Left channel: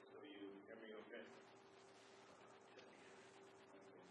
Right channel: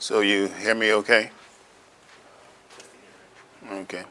So you hear me okay? Okay.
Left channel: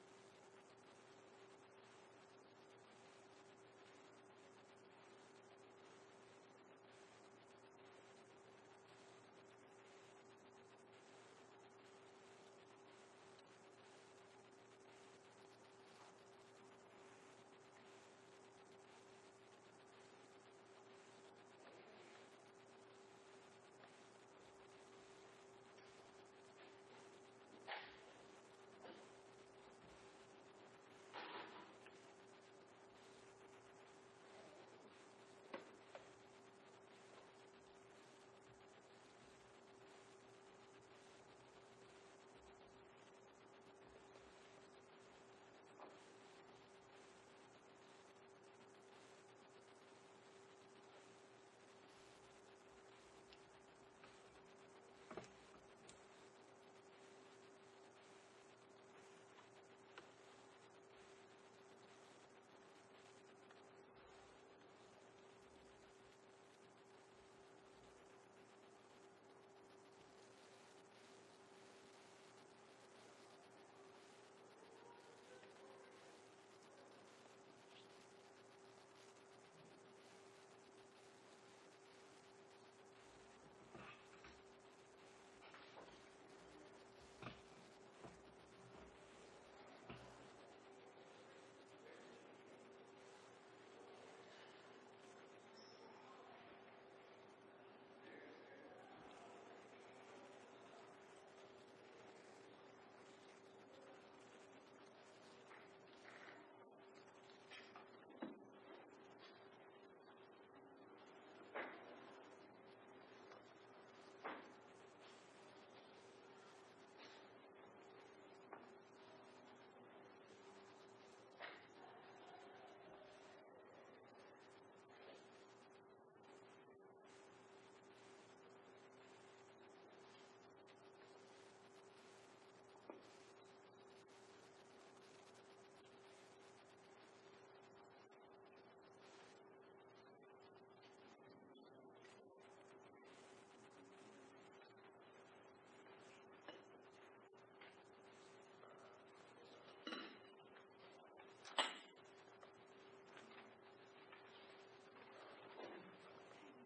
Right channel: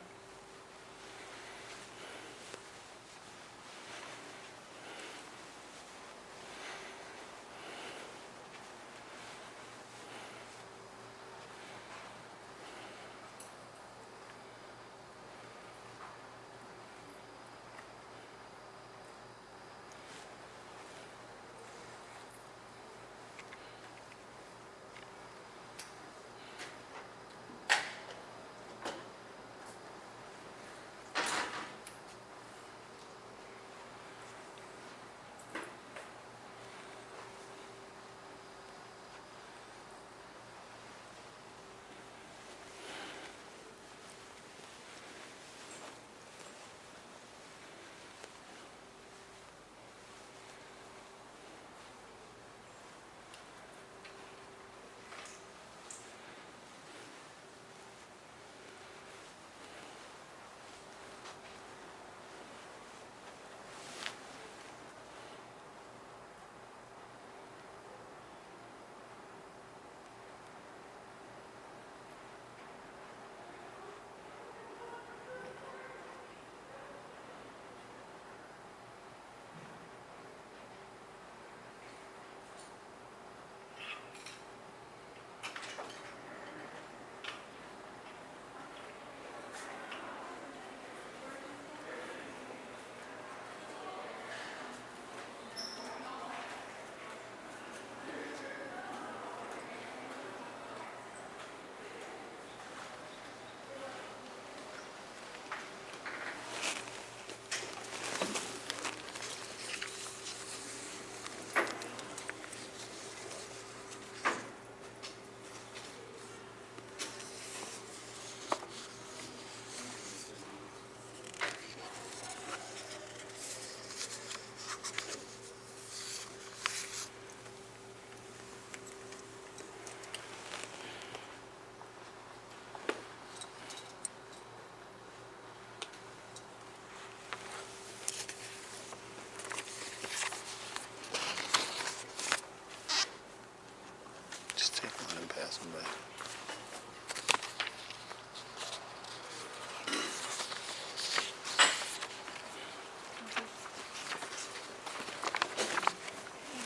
Just take one and pass them back.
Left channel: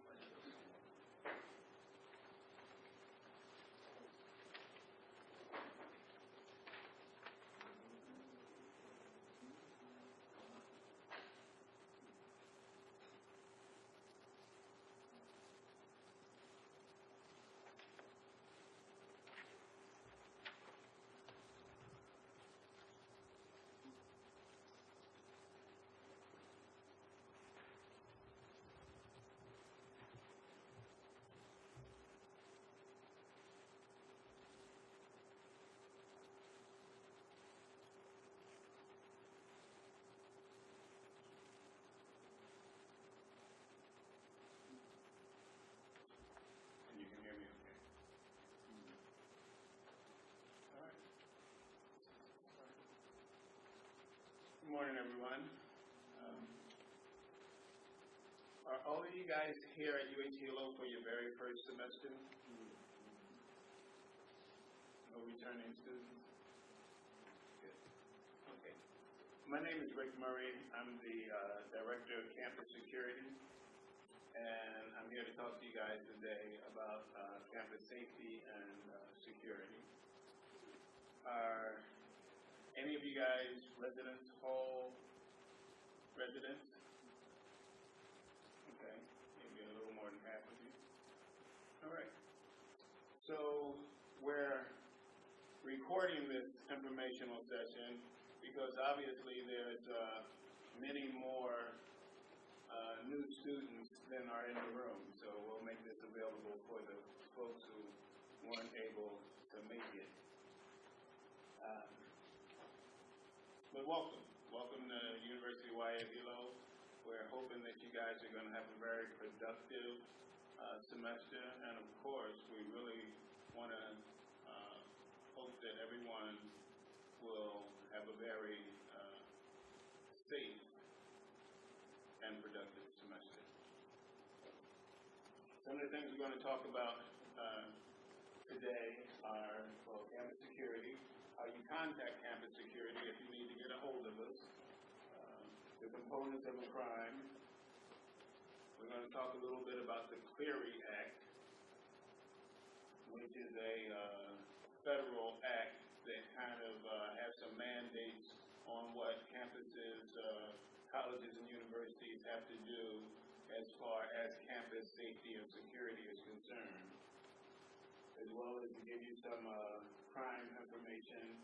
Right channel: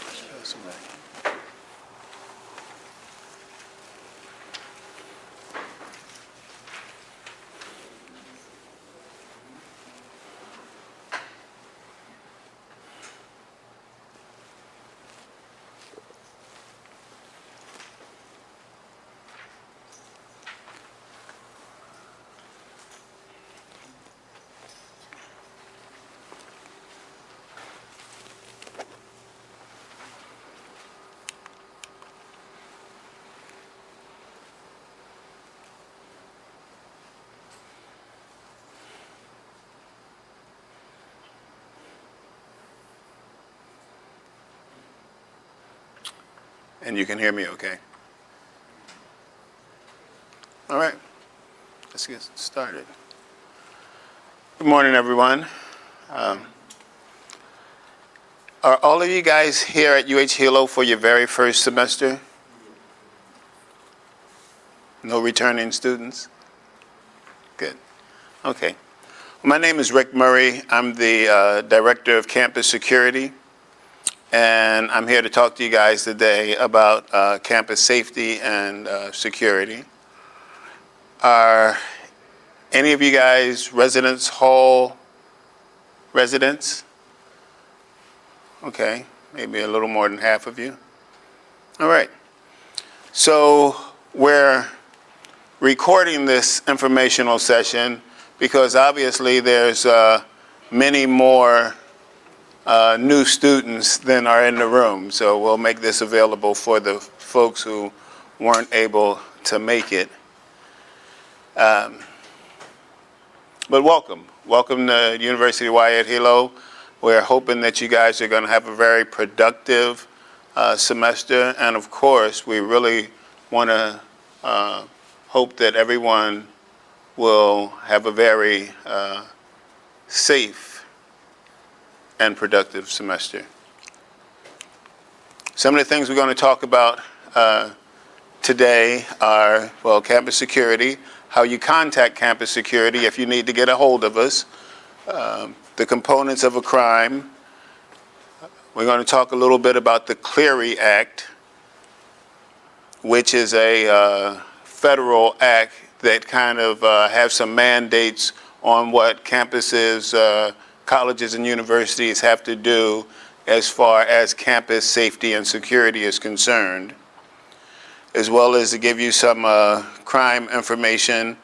Just pass them back. And you can hear me okay? All right, let's get started. Good morning, everyone. Are all of you guys here at Hilo for your very first semester? No returning students? Good. Okay. My name is Rick Murray. I'm the Director of Campus Security. And I'm here to talk to you guys today about campus safety and security. Are any of you guys residence hall residents? Okay, maybe a little more than half of you. All right. So we're recording this informational session because obviously there's many more new students than are in the room. So we'll make this available for the folks who weren't able to make it. But welcome. Welcome to University of Hawaii at Hilo. We're hoping that you guys are going to have a very productive semester. And of course, we really want to hope that everyone will have a very safe and productive semester. Some of the things we're going to talk about today are, well, campus security, how you contact campus security if you need to get a hold of us, the components of a crime. We're going to talk a little bit about the Clery Act, which is a federal act that kind of have some mandates on what campuses, colleges and universities have to do as far as campus safety and security is concerned, as well as to give you some crime information,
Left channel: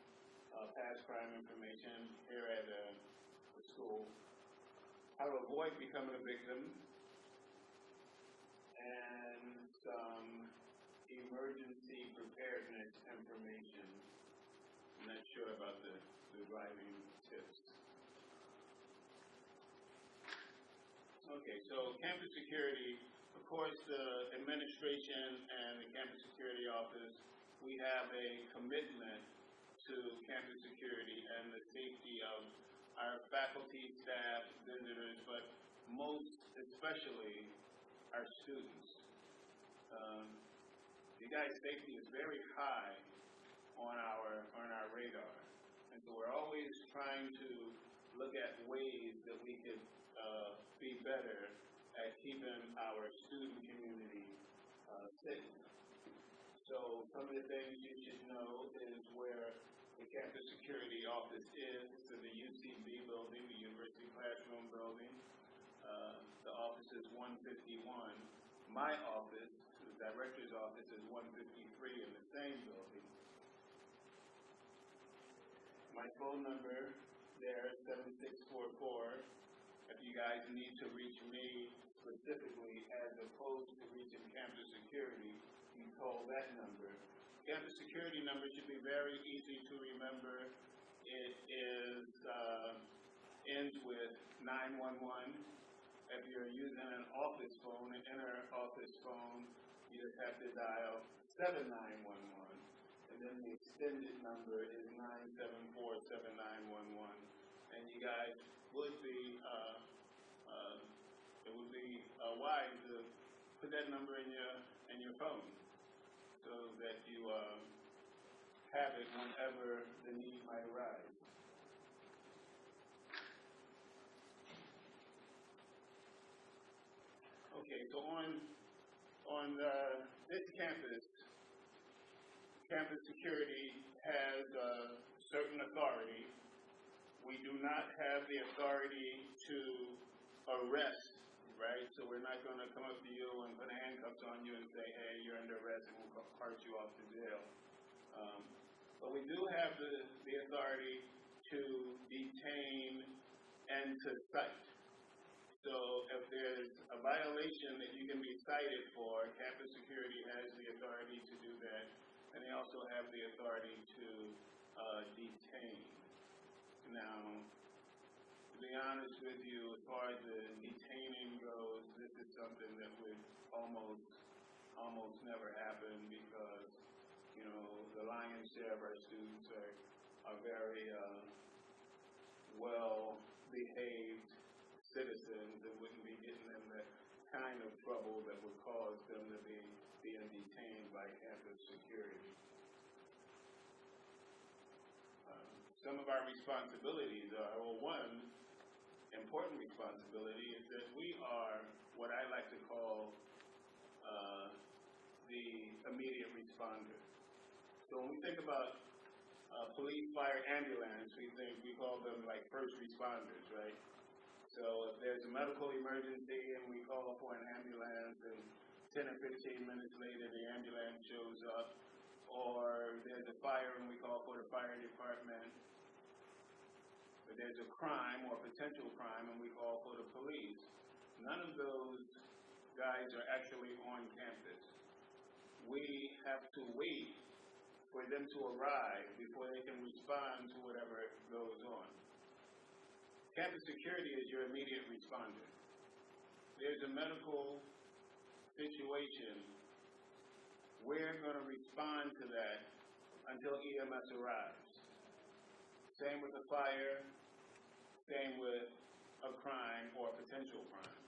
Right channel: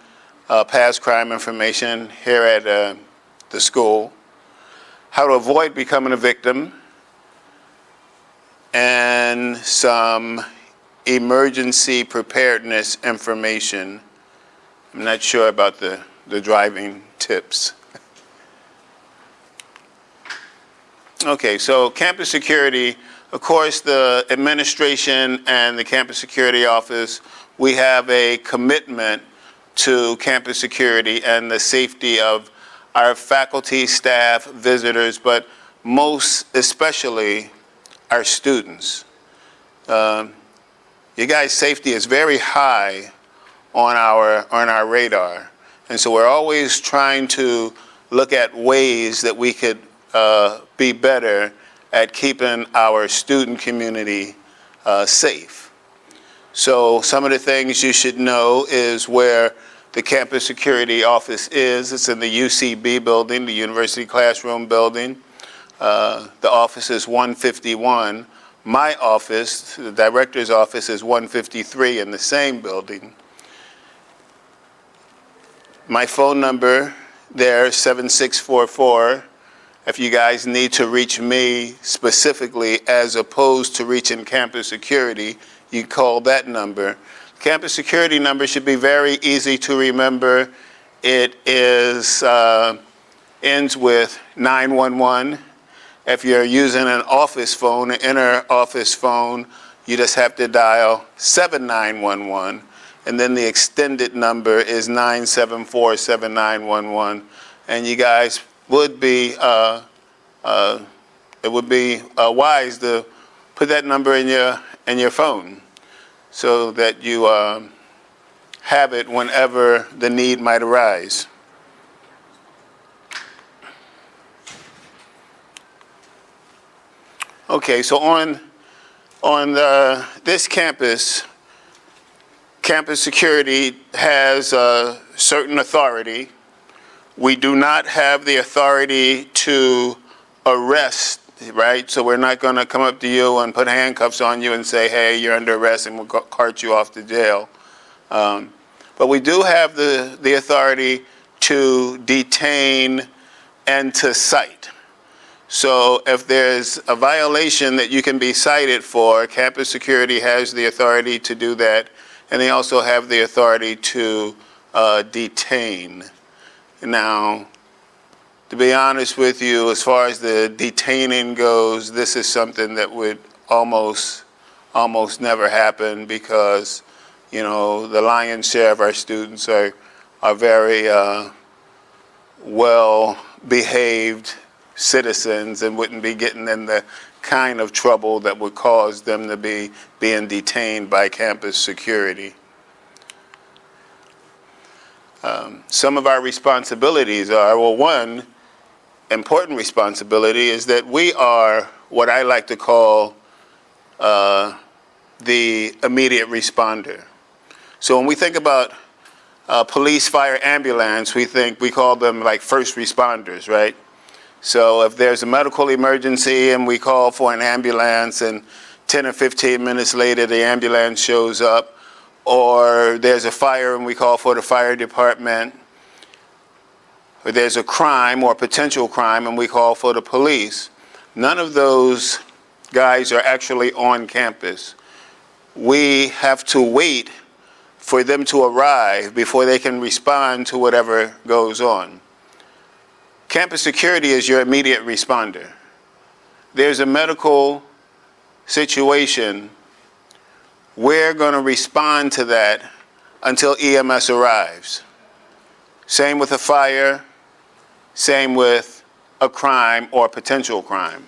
past crime information here at the school, how to avoid becoming a victim, and some emergency preparedness information. I'm not sure about the driving tips. Okay, so campus security, of course, the administration and the campus security office, we have a commitment to campus security and the safety of our faculty, staff, visitors, but most especially our students. You guys' safety is very high on our radar, and so we're always trying to look at ways that we could be better at keeping our student community safe. So some of the things you should know is where the campus security office is. It's in the UCB building, the University Classroom building. The office is 151. My office, the director's office, is 153 in the same building. My phone number there is 7644. If you guys need to reach me specifically as opposed to reaching campus security, you call that number. Campus security number should be very easy to remember. It is ends with 911. If you're using an office phone, an inner office phone, you just have to dial 7911, and then the extended number is 974-7911, and you guys would be, it would be wise to put that number in your phone so that you have it whenever the need might arise. Okay, so on this campus, campus security has a certain authority. We do not have the authority to arrest, right? So we're not going to come up to you and put handcuffs on you and say, hey, you're under arrest, and we'll cart you off to jail. But we do have the authority to detain and to cite. So if there's a violation that you can be cited for, campus security has the authority to do that, and they also have the authority to detain. Now, to be honest with you, as far as the detaining goes, this is something that would almost never happen because, you know, the lion's share of our students are very well-behaved citizens and wouldn't be getting in the kind of trouble that would cause them to be being detained by campus security. Some of our responsibilities are, well, one important responsibility is that we are what I like to call the immediate responder. So when we think about police, fire, ambulance, we call them like first responders, right? So if there's a medical emergency and we call for an ambulance and 10 or 15 minutes later the ambulance shows up, or there's a fire and we call for the fire department, or there's a crime or potential crime and we call for the police, none of those guys are actually on campus. We have to wait for them to arrive before they can respond to whatever goes on. Campus security is your immediate responder. There's a medical situation, we're going to respond to that until EMS arrives. Same with a fire, same with a crime or potential crime.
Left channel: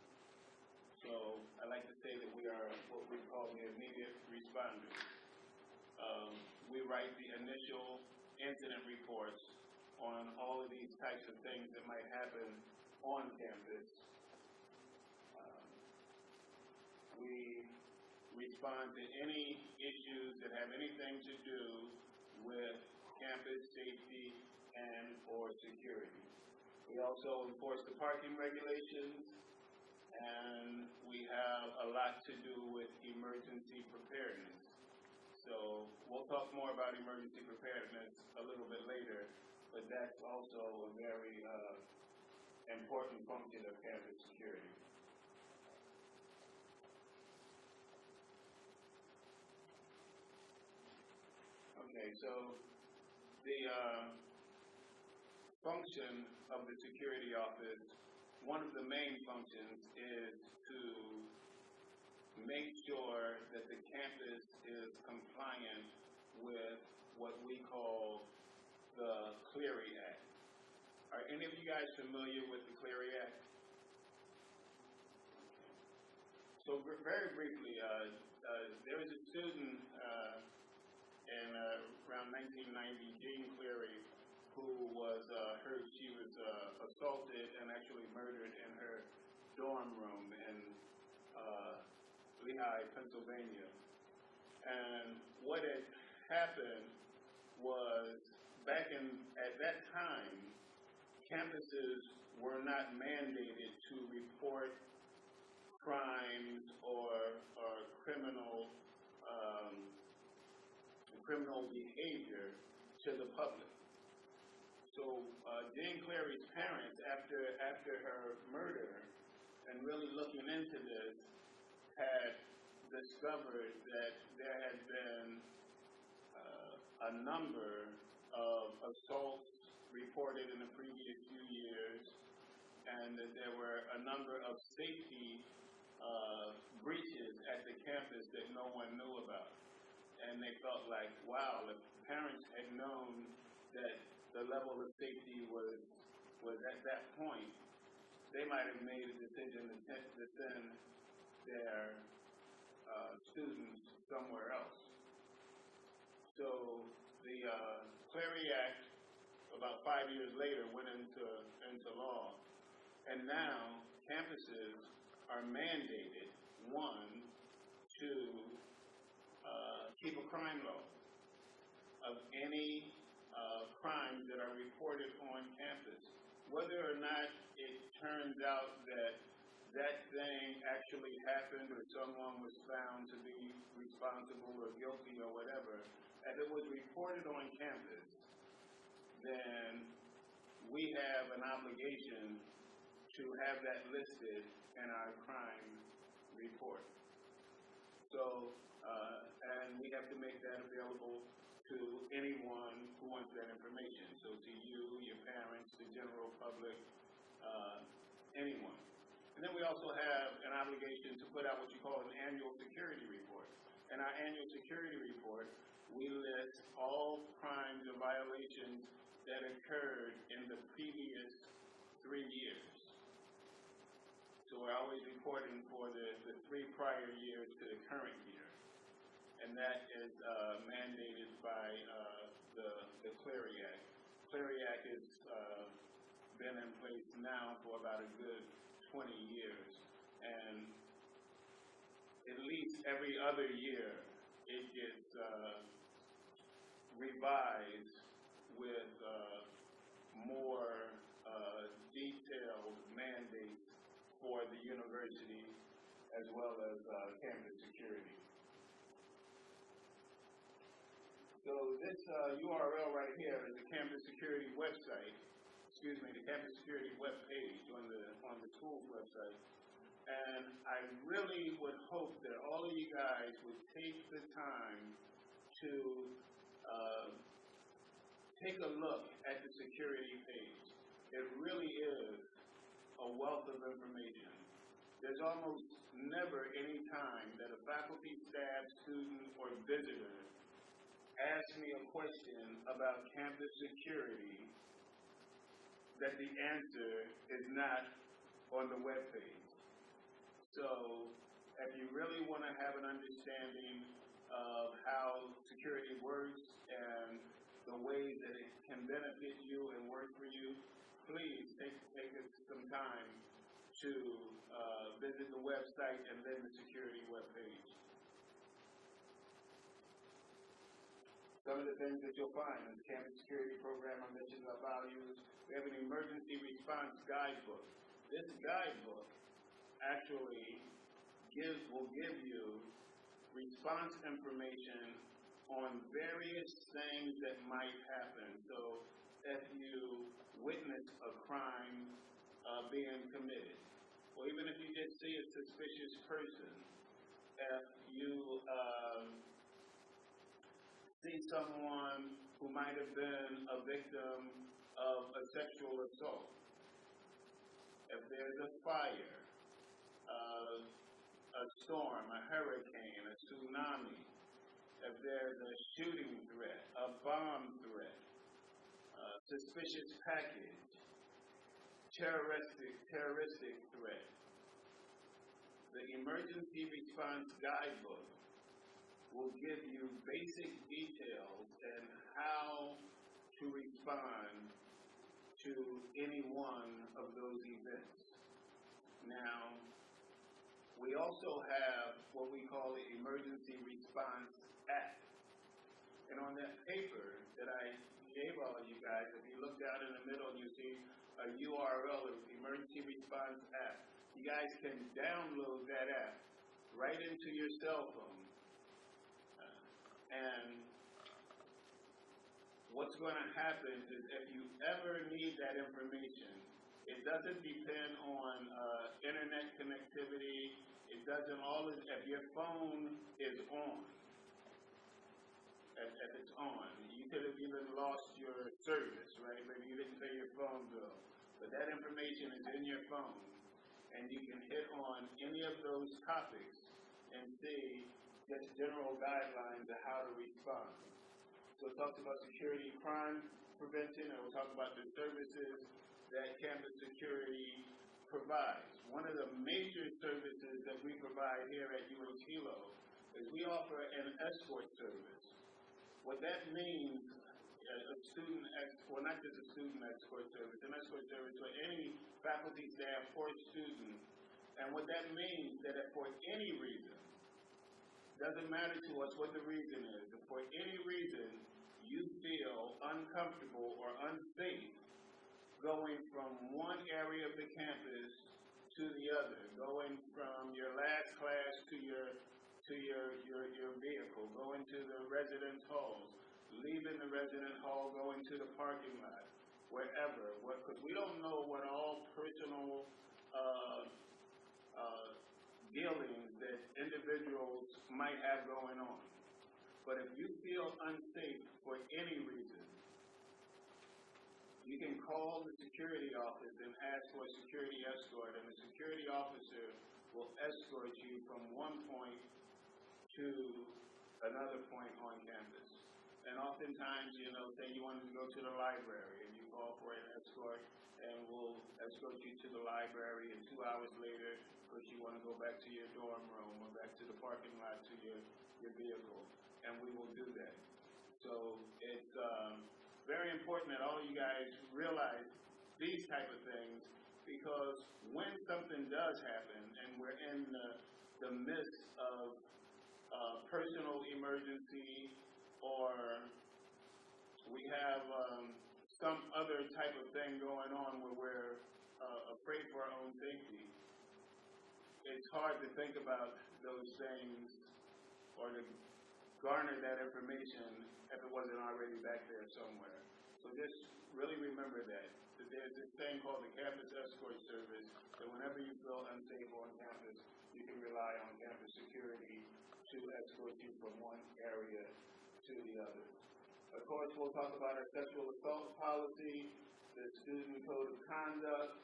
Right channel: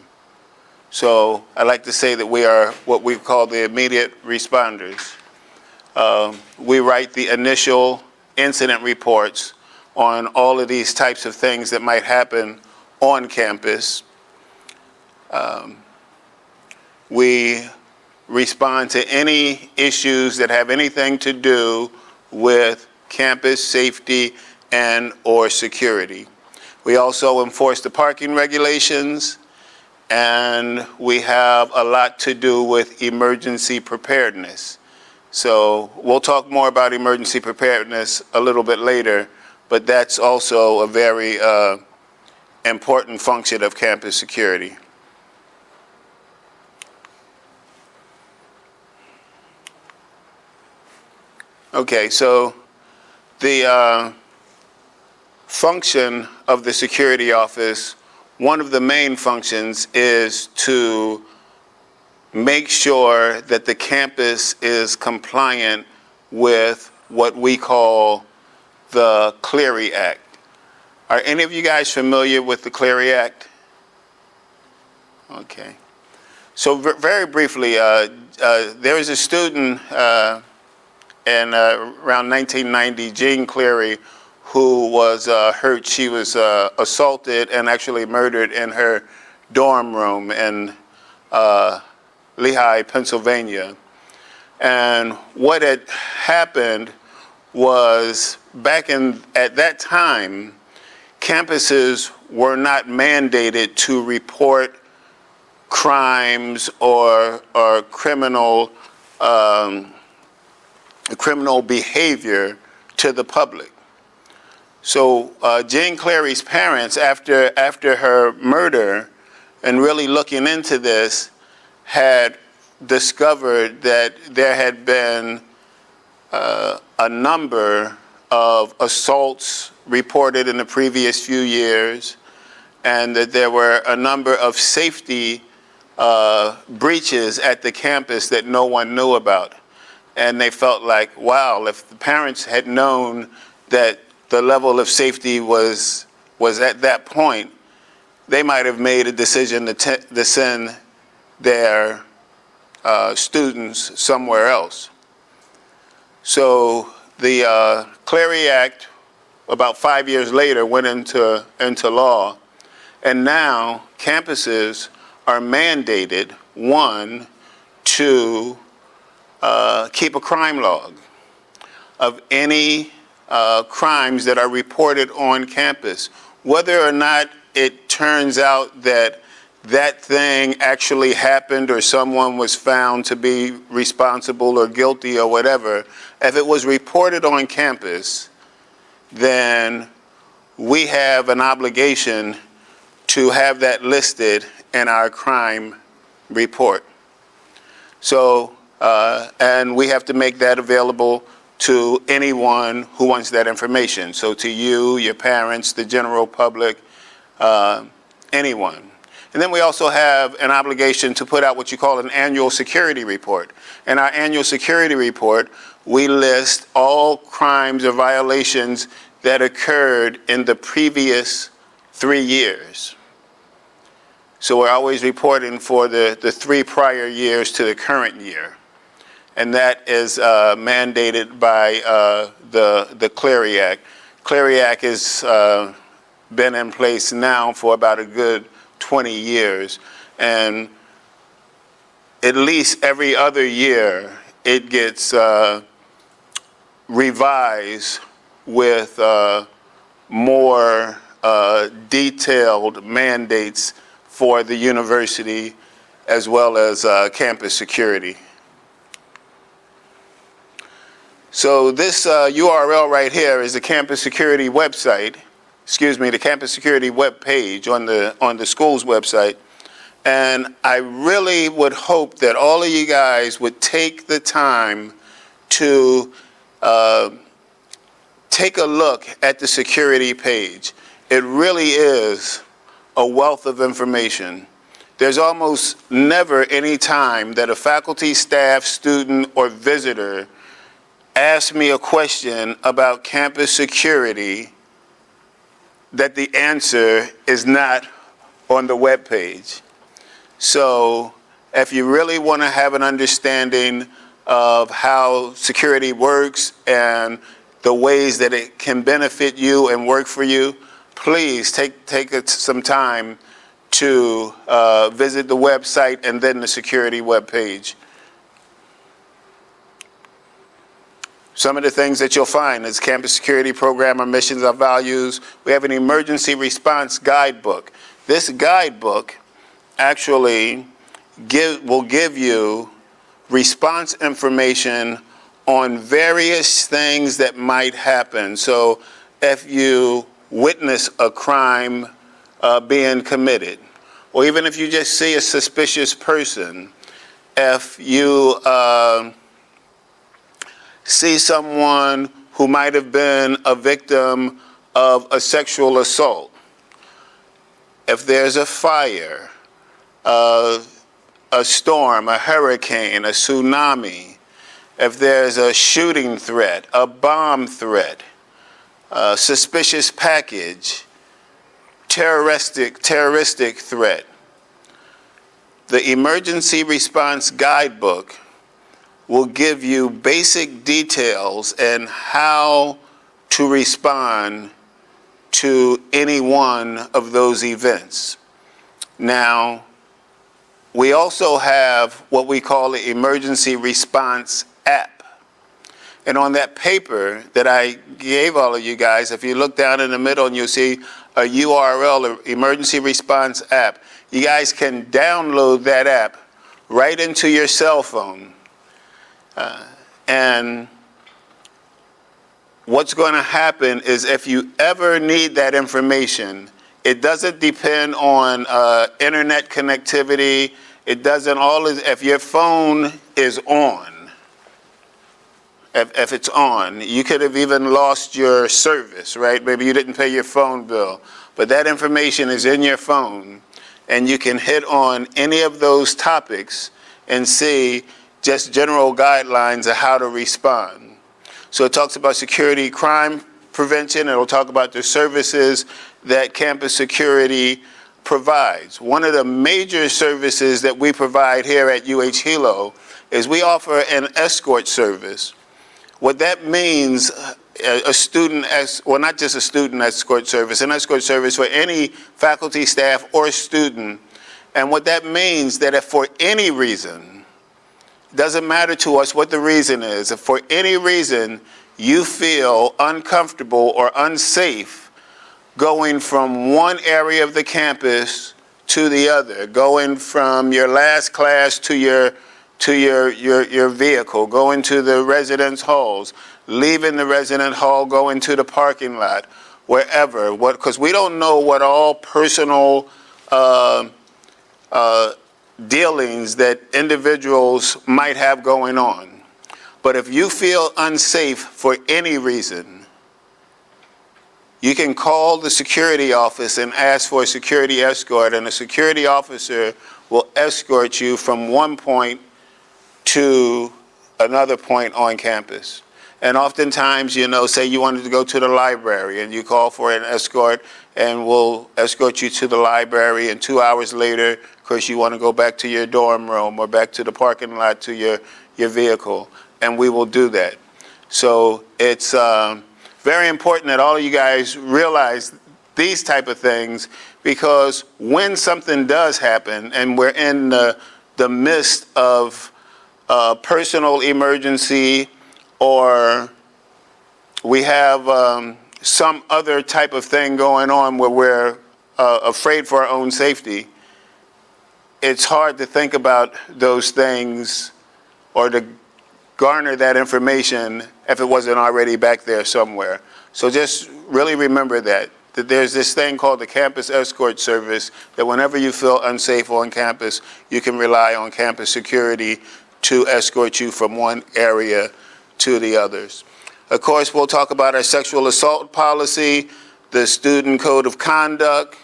So I like to say that we are what we call the immediate responders. We write the initial incident reports on all of these types of things that might happen on campus. We respond to any issues that have anything to do with campus safety and or security. We also enforce the parking regulations, and we have a lot to do with emergency preparedness. So we'll talk more about emergency preparedness a little bit later, but that's also a very important function of campus security. Okay, so the function of the security office, one of the main functions is to make sure that the campus is compliant with what we call the Clery Act. Are any of you guys familiar with the Clery Act? Okay. So very briefly, there was a student in around 1990, Jean Clery, who was hurt. She was assaulted and actually murdered in her dorm room in Lehigh, Pennsylvania. And what had happened was, at that time, campuses were not mandated to report crimes or criminal behavior to the public. So Jane Clary's parents, after her murder, and really looking into this, had discovered that there had been a number of assaults reported in the previous few years, and that there were a number of safety breaches at the campus that no one knew about. And they felt like, wow, if the parents had known that the level of safety was at that point, they might have made a decision to send their students somewhere else. So the Clery Act, about 5 years later, went into law, and now campuses are mandated, one, to keep a crime log of any crimes that are reported on campus, whether or not it turns out that that thing actually happened or someone was found to be responsible or guilty or whatever. If it was reported on campus, then we have an obligation to have that listed in our crime report. So, and we have to make that available to anyone who wants that information. So to you, your parents, the general public, anyone. And then we also have an obligation to put out what you call an annual security report. In our annual security report, we list all crimes or violations that occurred in the previous 3 years. So we're always reporting for the 3 prior years to the current year. And that is mandated by the Clery Act. Clery Act has been in place now for about a good 20 years. And at least every other year, it gets revised with more detailed mandates for the university as well as campus security. So this URL right here is the campus security website, the campus security web page on the school's website. And I really would hope that all of you guys would take the time to take a look at the security page. It really is a wealth of information. There's almost never any time that a faculty, staff, student, or visitor asks me a question about campus security that the answer is not on the web page. So if you really want to have an understanding of how security works and the ways that it can benefit you and work for you, please take some time to visit the website and then the security webpage. Some of the things that you'll find is campus security program, our missions, our values. We have an emergency response guidebook. This guidebook actually will give you response information on various things that might happen. So if you witness a crime being committed, or even if you just see a suspicious person, if you see someone who might have been a victim of a sexual assault, if there's a fire, a storm, a hurricane, a tsunami, if there's a shooting threat, a bomb threat, a suspicious package, terroristic threat, the Emergency Response Guidebook will give you basic details and how to respond to any one of those events. Now, we also have what we call the Emergency Response app. And on that paper that I gave all of you guys, if you look down in the middle and you'll see a URL, an Emergency Response app, you guys can download that app right into your cell phone. And what's going to happen is if you ever need that information, it doesn't depend on internet connectivity. It doesn't always, if your phone is on, if it's on, you could have even lost your service, right? Maybe you didn't pay your phone bill, but that information is in your phone, and you can hit on any of those topics and see just general guidelines of how to respond. So it talks about security crime prevention. It'll talk about the services that campus security provides. One of the major services that we provide here at Hilo is we offer an escort service. What that means, a student, well, not just a student escort service, an escort service for any faculty, staff, or student. And what that means that if for any reason, doesn't matter to us what the reason is, if for any reason you feel uncomfortable or unsafe going from one area of the campus to the other, going from your last class to your vehicle, going to the residence halls, leaving the resident hall, going to the parking lot, wherever, because we don't know what all personal dealings that individuals might have going on. But if you feel unsafe for any reason, you can call the security office and ask for a security escort, and a security officer will escort you from one point to another point on campus. And oftentimes, you know, say you wanted to go to the library and you call for an escort, and we'll escort you to the library, and 2 hours later, of course, you want to go back to your dorm room or back to the parking lot to your vehicle, and we will do that. So it's very important that all of you guys realize these type of things, because when something does happen and we're in the midst of personal emergency, or we have some other type of thing going on where we're afraid for our own safety, it's hard to think about those things or to garner that information if it wasn't already back there somewhere. So just really remember that there's this thing called the Campus Escort Service, that whenever you feel unsafe on campus, you can rely on campus security to escort you from one area to the others. Of course, we'll talk about our sexual assault policy, the student code of conduct,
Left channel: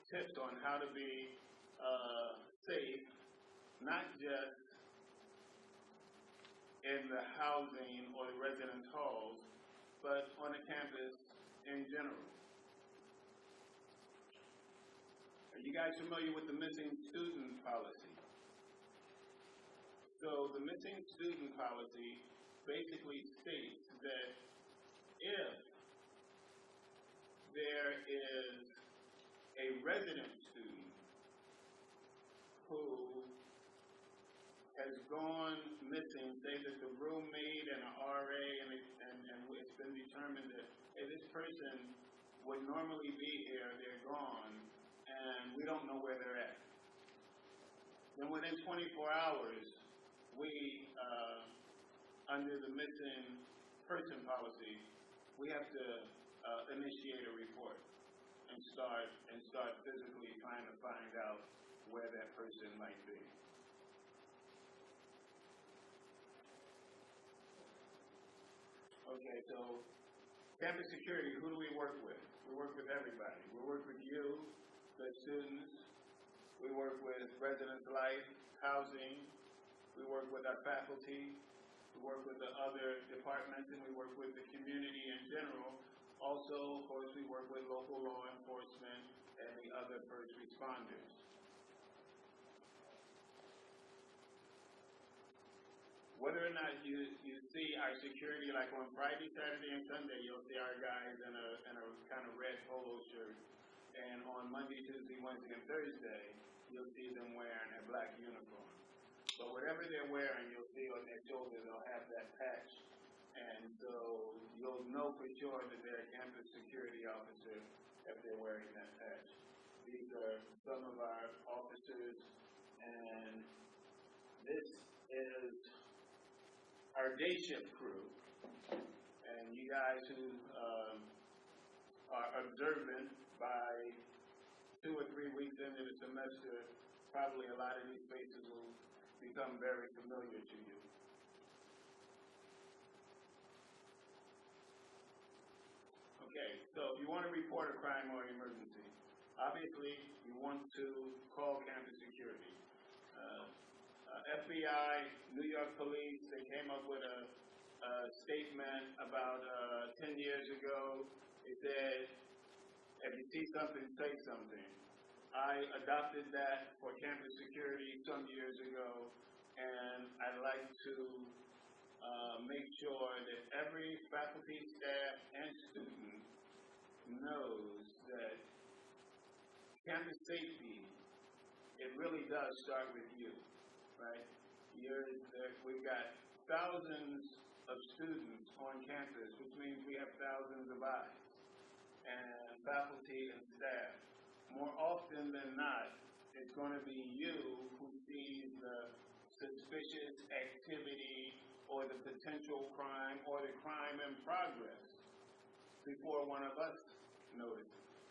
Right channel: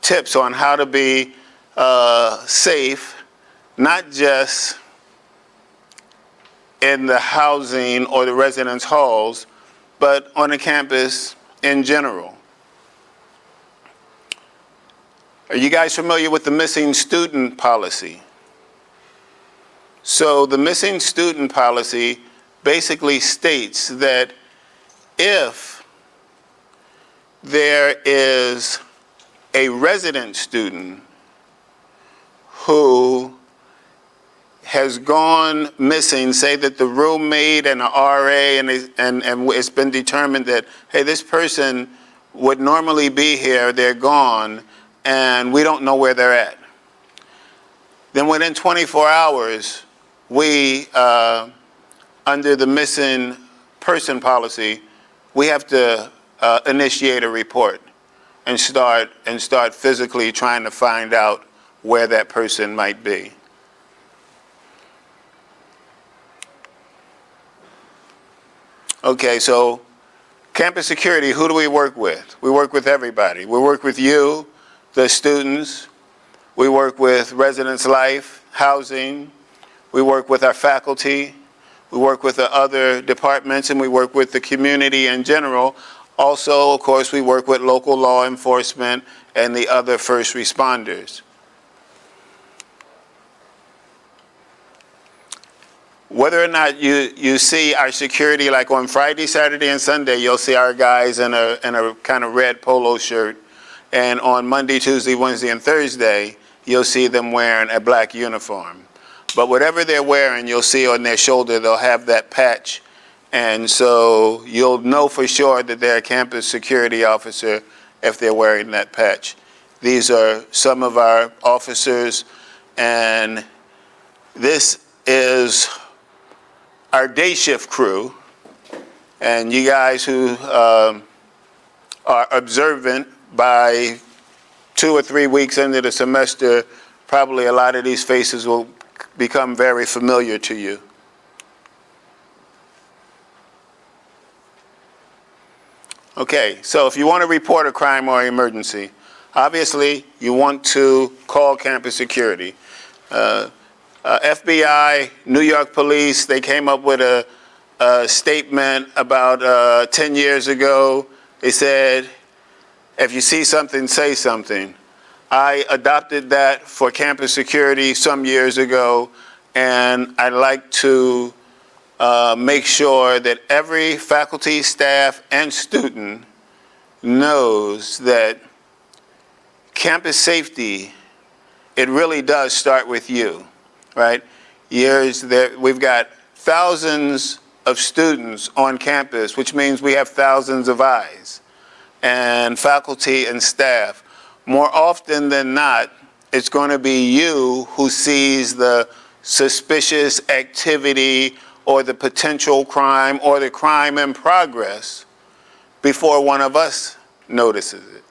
tips on how to be safe, not just in the housing or the residence halls, but on the campus in general. Are you guys familiar with the missing student policy? So the missing student policy basically states that if there is a resident student who has gone missing, say that the roommate and an RA, and it's been determined that, hey, this person would normally be here, they're gone, and we don't know where they're at. Then within 24 hours, we, under the missing person policy, we have to initiate a report and start physically trying to find out where that person might be. Okay, so campus security, who do we work with? We work with everybody. We work with you, the students. We work with residence life, housing. We work with our faculty. We work with the other departments, and we work with the community in general. Also, of course, we work with local law enforcement and the other first responders. Whether or not you see our security, like on Friday, Saturday, and Sunday, you'll see our guys in a kind of red polo shirt. And on Monday, Tuesday, Wednesday, and Thursday, you'll see them wearing a black uniform. But whatever they're wearing, you'll see on their shoulder, they'll have that patch. And so you'll know for sure that they're a campus security officer if they're wearing that patch. These are some of our officers, and this is our day shift crew. And you guys who are observant, by 2 or 3 weeks into the semester, probably a lot of these faces will become very familiar to you. Okay, so if you want to report a crime or emergency, obviously you want to call campus security. FBI, New York police, they came up with a statement about 10 years ago. They said, if you see something, say something. I adopted that for campus security some years ago, and I'd like to make sure that every faculty, staff, and student knows that campus safety, it really does start with you, right? We've got thousands of students on campus, which means we have thousands of eyes, and faculty and staff. More often than not, it's going to be you who sees the suspicious activity or the potential crime or the crime in progress before one of us notices it.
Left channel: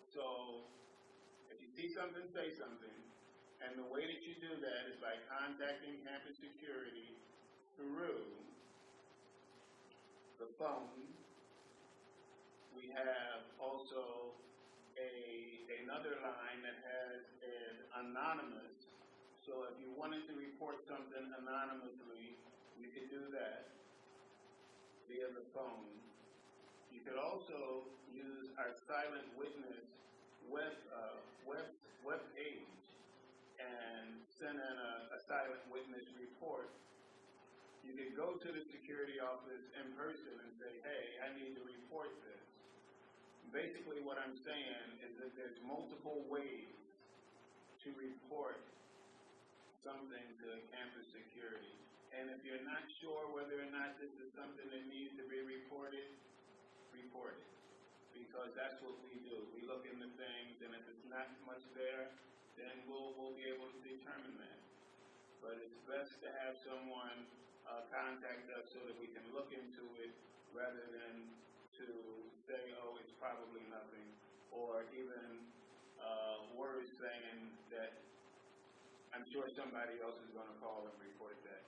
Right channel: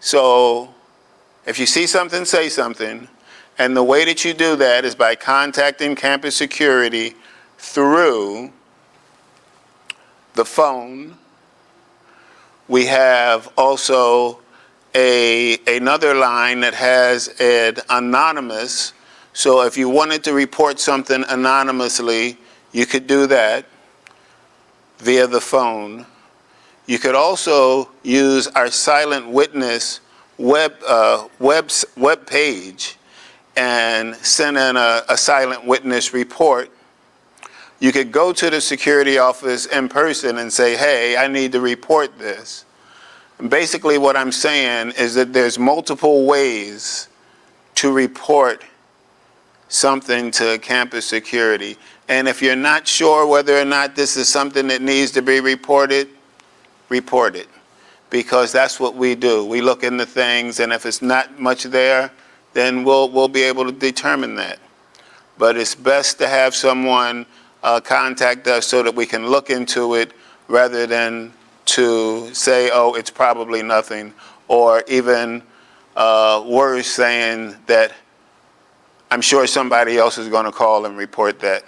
So if you see something, say something. And the way that you do that is by contacting campus security through the phone. We have also another line that has an anonymous. So if you wanted to report something anonymously, you could do that via the phone. You could also use our silent witness web page and send in a silent witness report. You could go to the security office in person and say, hey, I need to report this. And basically what I'm saying is that there's multiple ways to report something to campus security. And if you're not sure whether or not this is something that needs to be reported, report it. Because that's what we do. We look into things, and if it's not much there, then we'll be able to determine that. But it's best to have someone contact us so that we can look into it rather than to say, oh, it's probably nothing, or even worse, saying that I'm sure somebody else is going to call and report that.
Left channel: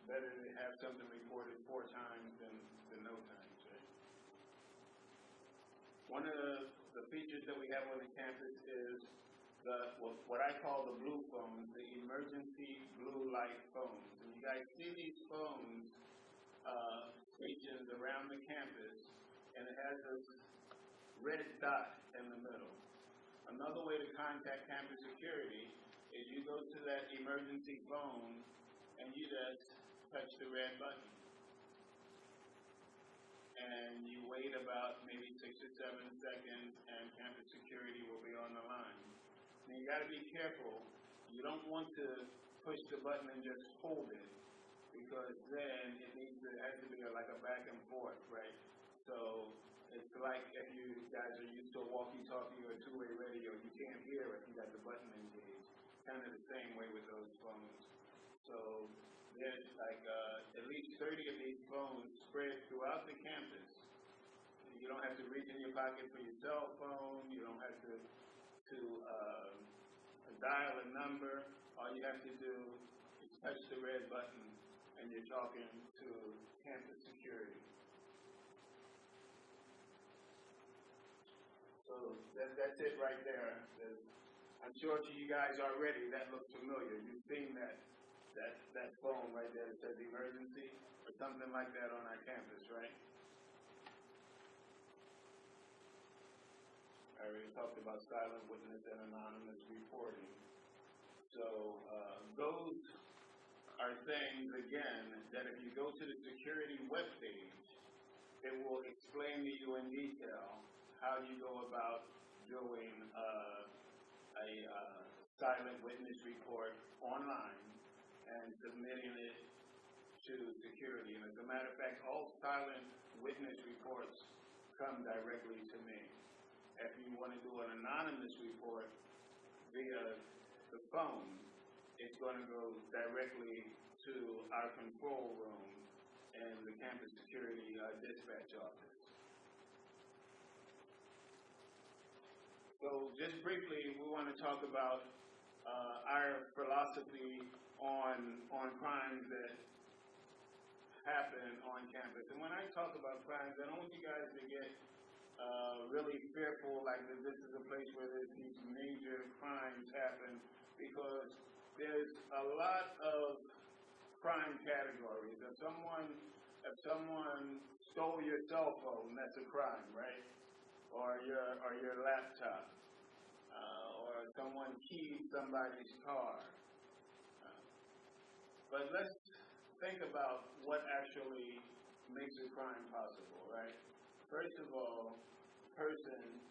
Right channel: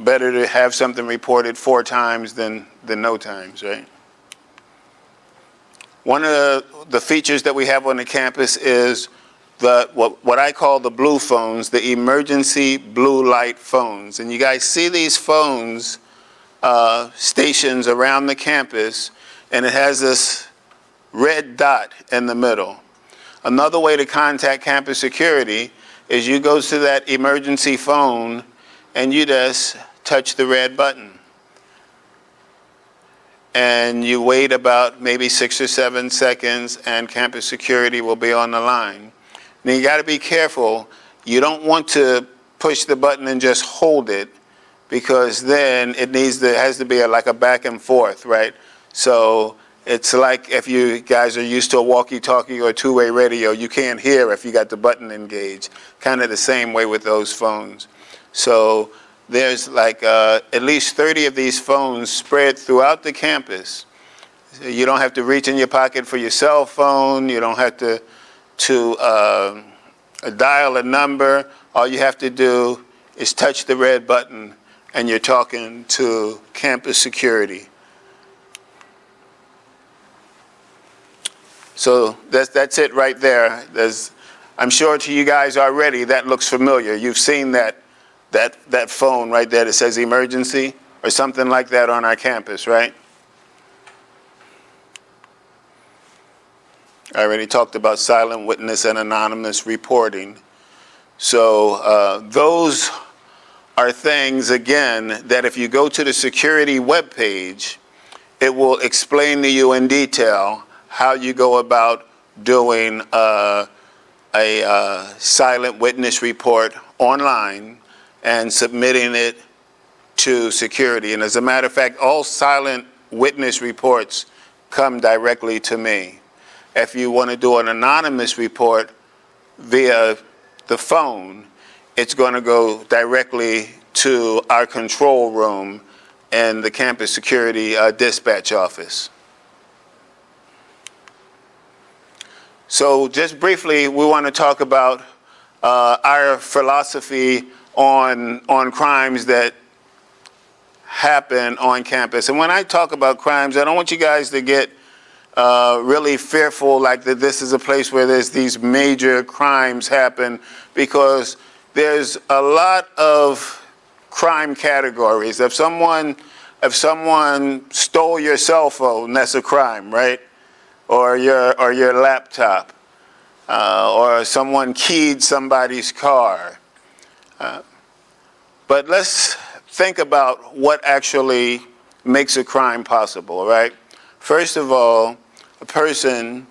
Better to have something reported 4 times than no times, right? One of the features that we have on the campus is what I call the blue phones, the emergency blue light phones. And you guys see these phones stations around the campus, and it has this red dot in the middle. Another way to contact campus security is you go to that emergency phone and you just touch the red button. And you wait about maybe 6 or 7 seconds and campus security will be on the line. Now you got to be careful. You don't want to push the button and just hold it, because then it has to be like a back and forth, right? So it's like if you guys are used to a walkie-talkie or two-way radio, you can't hear if you got the button engaged. Kind of the same way with those phones. So there's like at least 30 of these phones spread throughout the campus. You don't have to reach in your pocket for your cell phone. You don't have to dial a number. All you have to do is touch the red button and you're talking to campus security. So that's it right there. I'm sure to you guys already that looks familiar. You've seen that phone right there that says emergency or something like that on our campus, right? I already talked about silent witness and anonymous reporting. So those are things, again, that if you go to the security webpage, it will explain to you in detail how you go about doing a silent witness report online and submitting it to security. And as a matter of fact, all silent witness reports come directly to me. If you want to do an anonymous report via the phone, it's going to go directly to our control room and the campus security dispatch office. So just briefly, we want to talk about our philosophy on crimes that happen on campus. And when I talk about crimes, I don't want you guys to get really fearful like that this is a place where there's these major crimes happen, because there's a lot of crime categories. If someone stole your cell phone, that's a crime, right? Or your laptop, or someone keyed somebody's car. But let's think about what actually makes a crime possible, right? First of all, a person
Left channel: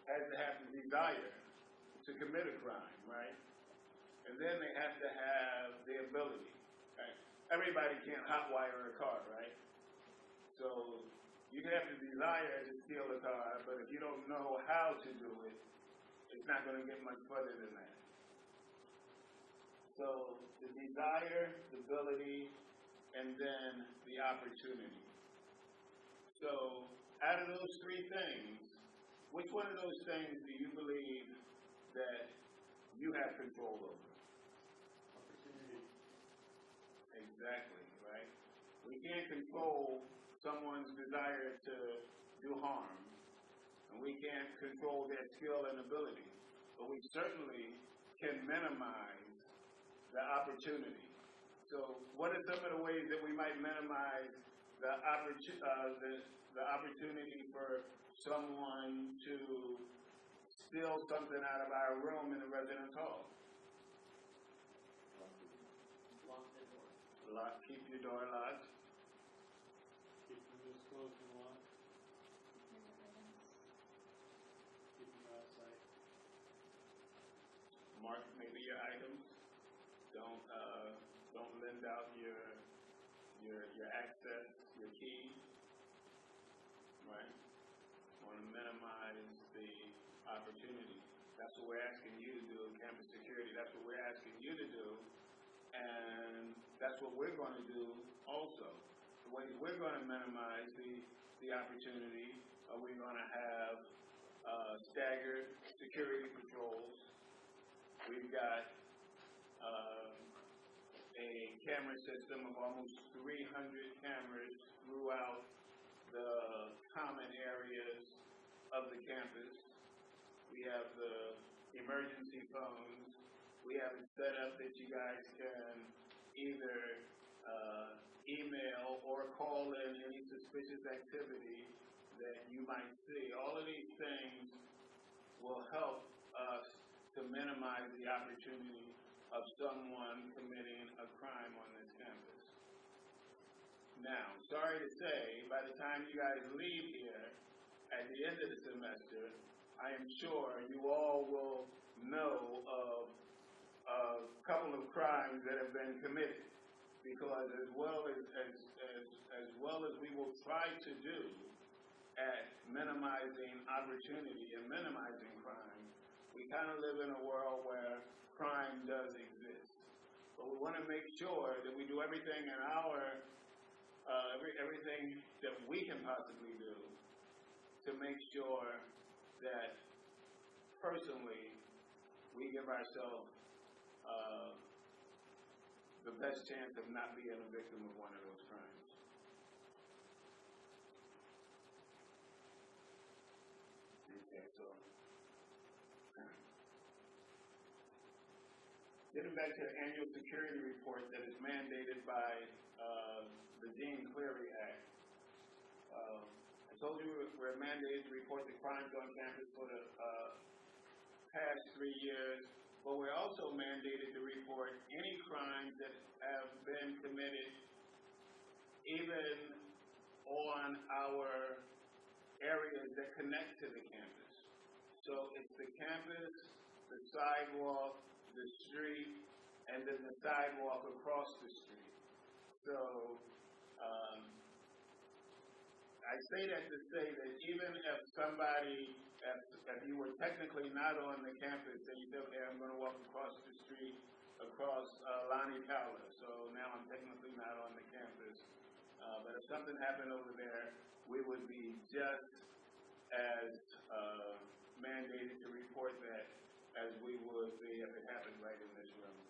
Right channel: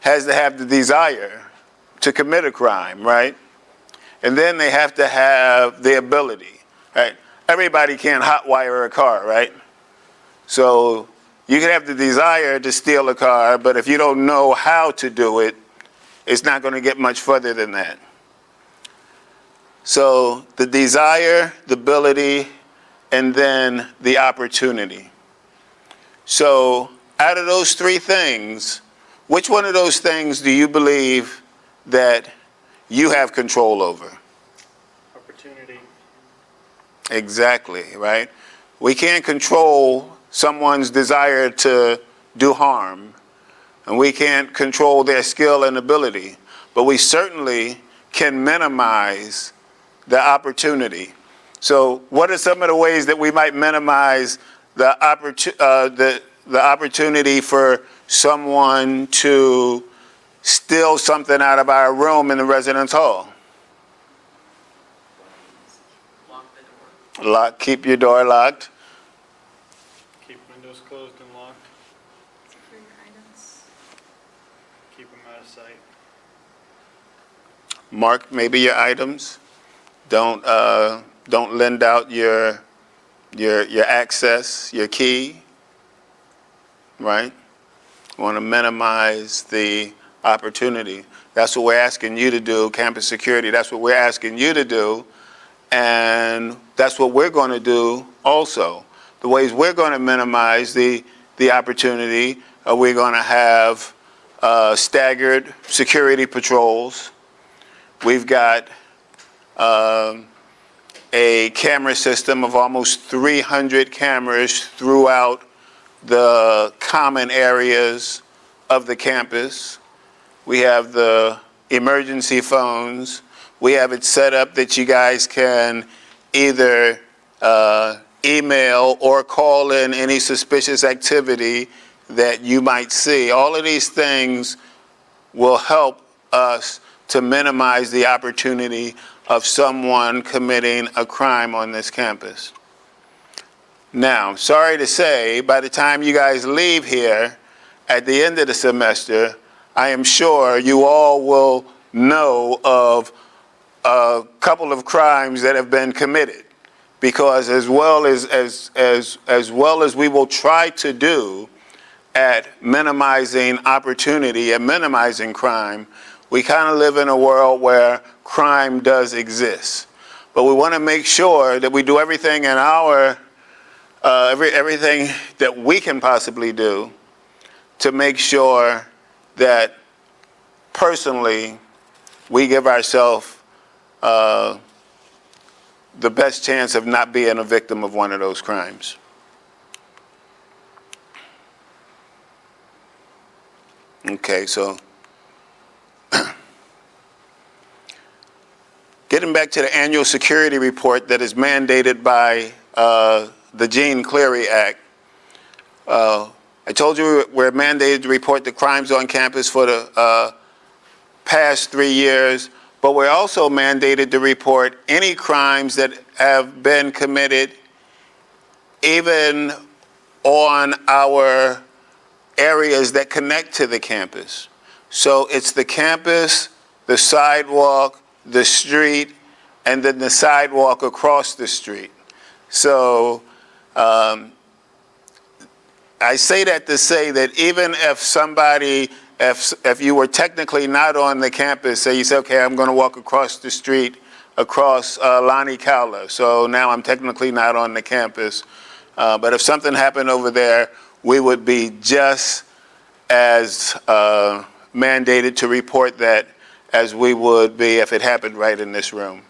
has to have the desire to commit a crime, right? And then they have to have the ability, right? Everybody can't hotwire a car, right? So you can have the desire to steal a car, but if you don't know how to do it, it's not going to get much further than that. So the desire, the ability, and then the opportunity. So out of those three things, which one of those things do you believe that you have control over? Opportunity. Exactly, right? We can't control someone's desire to do harm, and we can't control their skill and ability, but we certainly can minimize the opportunity. So what are some of the ways that we might minimize the opportunity for someone to steal something out of our room in the residence hall? Keep your door locked. Keep windows closed and locked. Secure your items. Keep them out of sight. Mark maybe your items. Don't lend out your access, your key. Right? We want to minimize the opportunity. That's what we're asking you to do, campus security. That's what we're asking you to do. And that's what we're going to do also. The ways we're going to minimize the opportunity, we're going to have staggered security patrols. We've got a camera system of almost 300 cameras throughout the common areas of the campus. We have the emergency phones. We have it set up that you guys can either email or call in any suspicious activity that you might see. All of these things will help us to minimize the opportunity of someone committing a crime on this campus. Now, sorry to say, by the time you guys leave here at the end of the semester, I am sure you all will know of a couple of crimes that have been committed. Because as well as we will try to do at minimizing opportunity and minimizing crime, we kind of live in a world where crime does exist. But we want to make sure that we do everything in our everything that we can possibly do to make sure that personally we give ourselves the best chance of not being a victim of one of those crimes. Okay, so getting back to the annual security report that is mandated by the Jean Cleary Act. I told you we're mandated to report the crimes on campus for the past 3 years, but we're also mandated to report any crimes that have been committed even on our areas that connect to the campus. So it's the campus, the sidewalk, the street, and then the sidewalk across the street. So I say that to say that even if somebody, if you were technically not on the campus, say you say, okay, I'm going to walk across the street, across Lonnie Cowler, so now I'm technically not on the campus. But if something happened over there, we would be just as mandated to report that as we would be if it happened right in this room.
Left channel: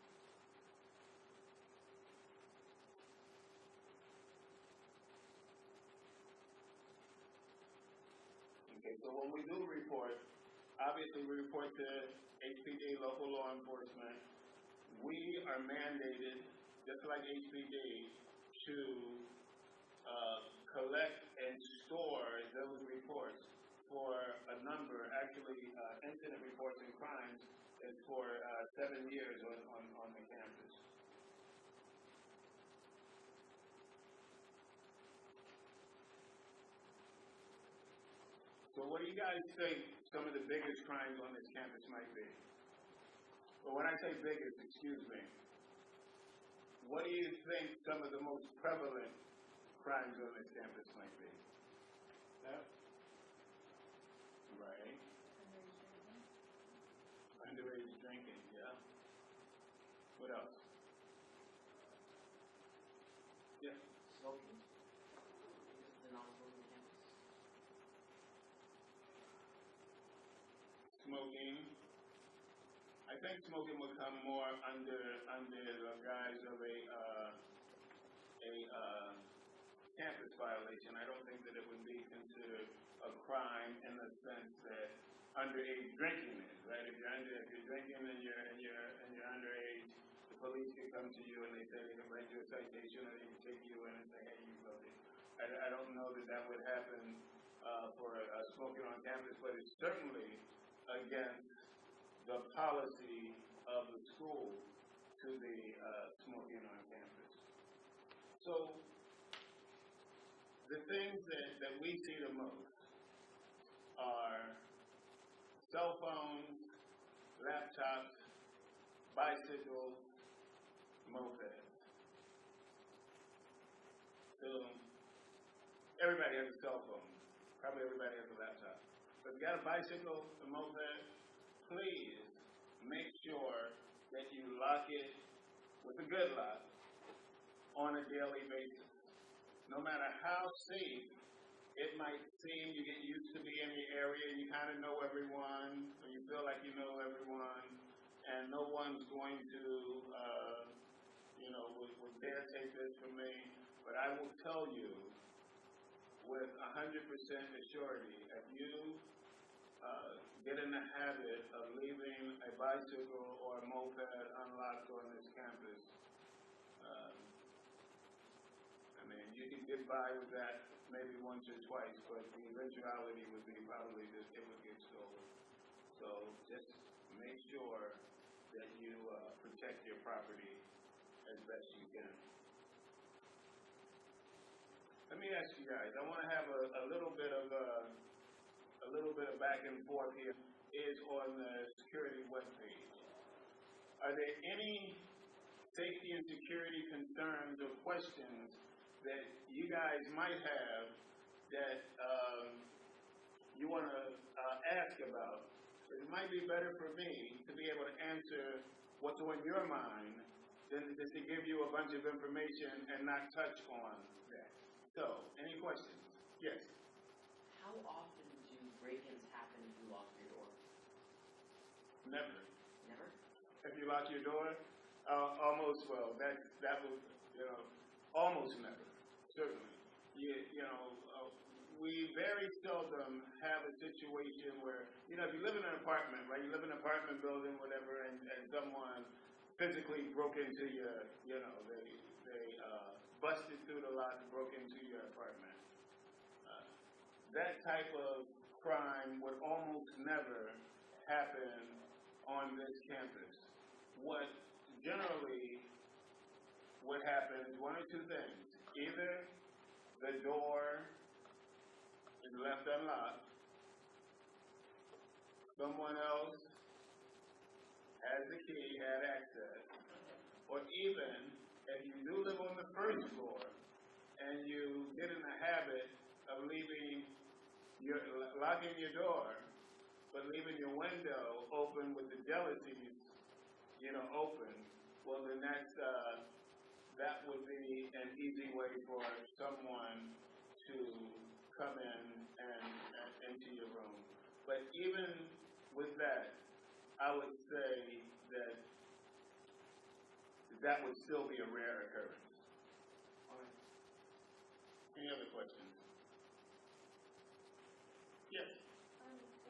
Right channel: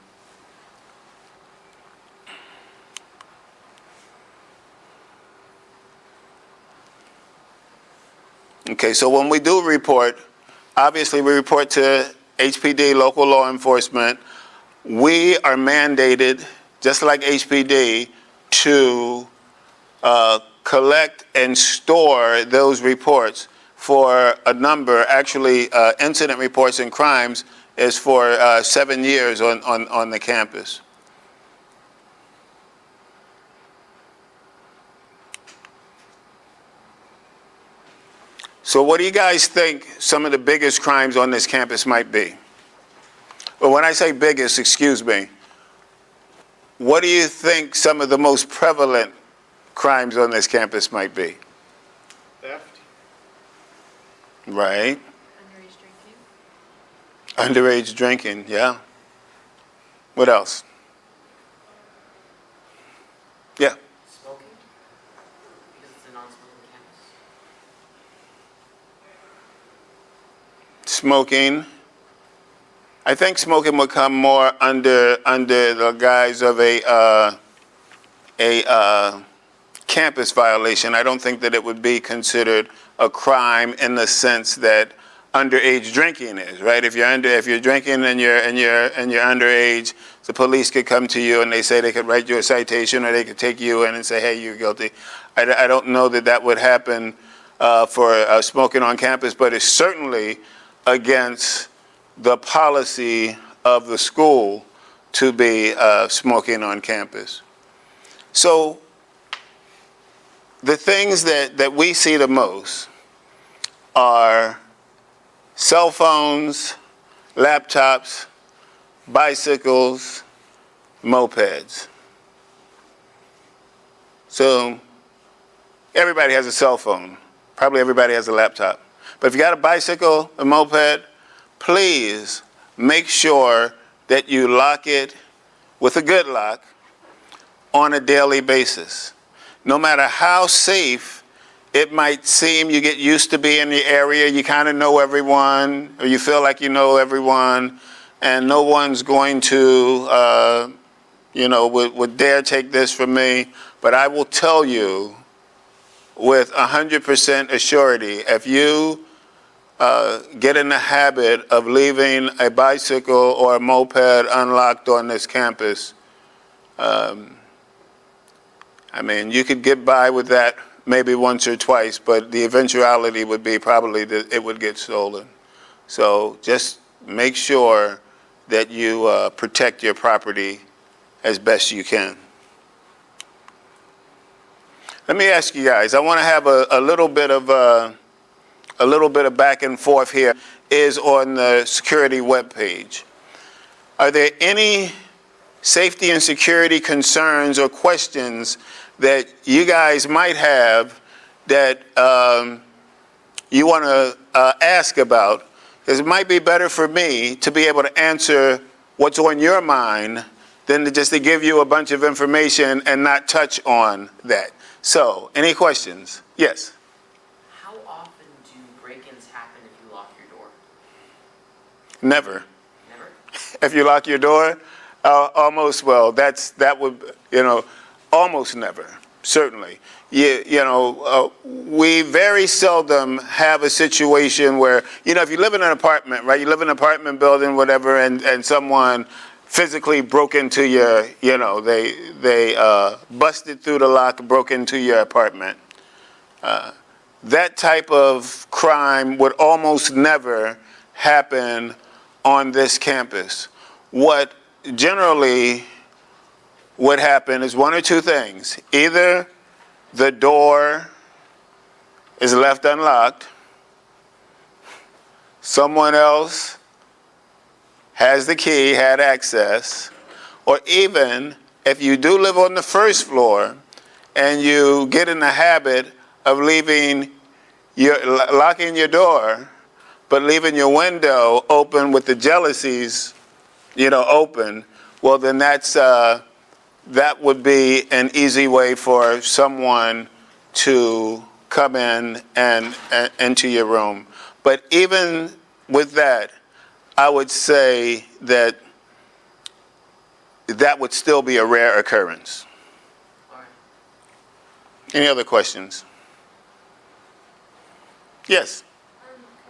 Okay, so when we do report, obviously we report to HPD, local law enforcement. We are mandated, just like HPD, to collect and store those reports for a number. Actually, incident reports and crimes is for 7 years on the campus. So what do you guys think some of the biggest crimes on this campus might be? Well, when I say biggest, excuse me, what do you think some of the most prevalent crimes on this campus might be? Theft. Right. Underage drinking. Underage drinking, yeah. What else? Yeah. Smoking? Because it's a non-smoking campus. Smoking. I think smoking would come more under the guise of a campus violation. I don't think that it would be considered a crime in the sense that underage drinking is, right? If you're drinking and you're underage, the police could come to you and they say they could write you a citation, or they could take you in and say, hey, you're guilty. I don't know that that would happen for smoking on campus, but it's certainly against the policy of the school to be smoking on campus. So the things that we see the most are cell phones, laptops, bicycles, mopeds. So everybody has a cell phone. Probably everybody has a laptop. But if you got a bicycle, a moped, please make sure that you lock it with a good lock on a daily basis. No matter how safe it might seem, you get used to being in the area, you kind of know everyone, or you feel like you know everyone, and no one's going to, would dare take this from me. But I will tell you with 100% assurity, if you get in the habit of leaving a bicycle or a moped unlocked on this campus, you could get by with that maybe once or twice, but the eventuality would be probably that it would get stolen. So just make sure that you protect your property as best you can. Let me ask you guys, I want to have a little bit of back and forth here, is on the security webpage. Are there any safety and security concerns or questions that you guys might have that you want to ask about? Because it might be better for me to be able to answer what's on your mind than to give you a bunch of information and not touch on that. So, any questions? Yes? How often do break-ins happen if you lock your door? Never. Never? If you lock your door, almost, well, that would, almost never, certainly. We very seldom have a situation where, if you live in an apartment, right, you live in an apartment building, whatever, and someone physically broke into your, they busted through the lock, broke into your apartment. That type of crime would almost never happen on this campus. What generally would happen is one or two things. Either the door is left unlocked, someone else has the key, had access, or even if you do live on the first floor and you get in the habit of locking your door, but leaving your window open with the jalousies, open, well, then that would be an easy way for someone to come in and into your room. But even with that, I would say that would still be a rare occurrence. All right. Any other questions? Yes?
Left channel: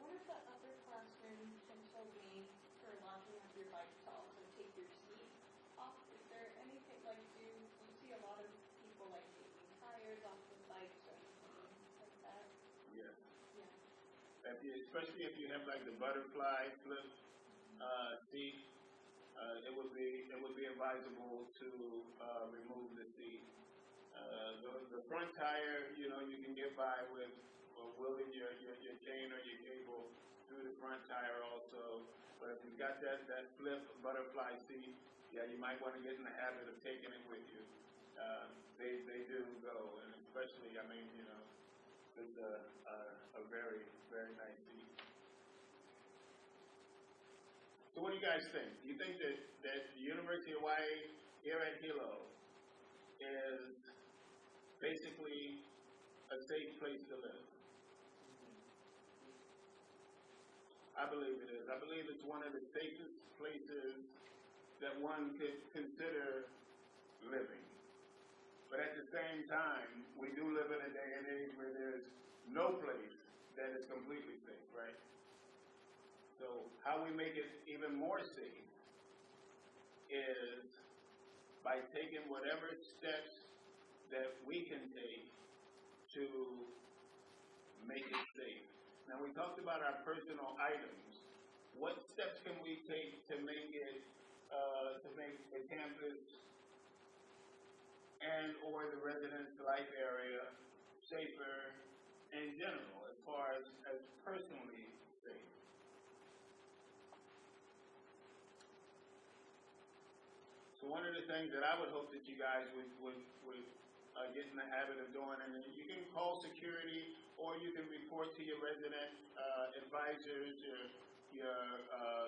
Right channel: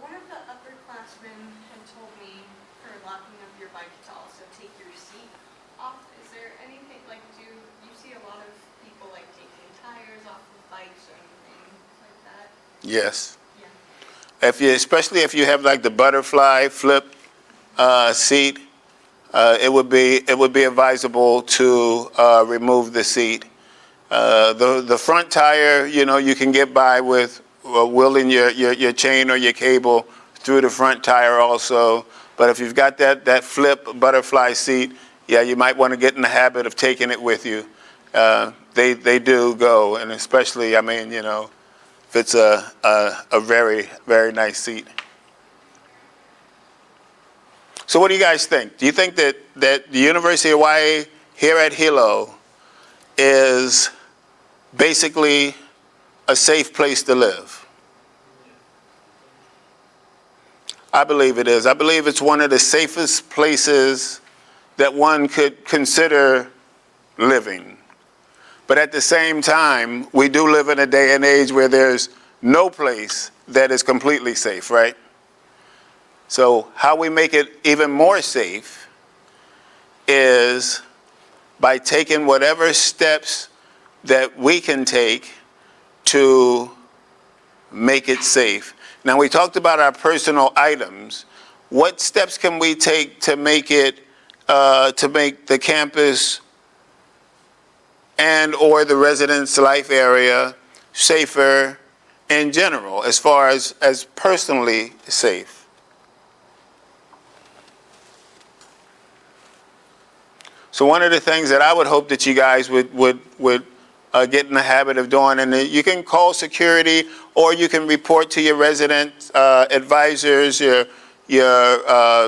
One of the upperclassmen had told me for locking up your bike to also take your seat off. Is there anything, do you see a lot of people taking tires off of bikes or anything like that? Yes. Yeah. Especially if you have the butterfly flip seat, it would be advisable to remove the seat. The front tire, you can get by with wheeling your chain or your cable through the front tire also. But if you've got that flip butterfly seat, yeah, you might want to get in the habit of taking it with you. They do go, and especially, if it's a very, very nice seat. So what do you guys think? Do you think that the University of Hawaii here at Hilo is basically a safe place to live? I believe it is. I believe it's one of the safest places that one could consider living. But at the same time, we do live in a day and age where there's no place that is completely safe, right? So how we make it even more safe is by taking whatever steps that we can take to make it safe. Now, we talked about our personal items. What steps can we take to make the campus and or the residence life area safer in general, as far as personally safe? So one of the things that I would hope that you guys would get in the habit of doing, and you can call security or you can report to your resident advisors, your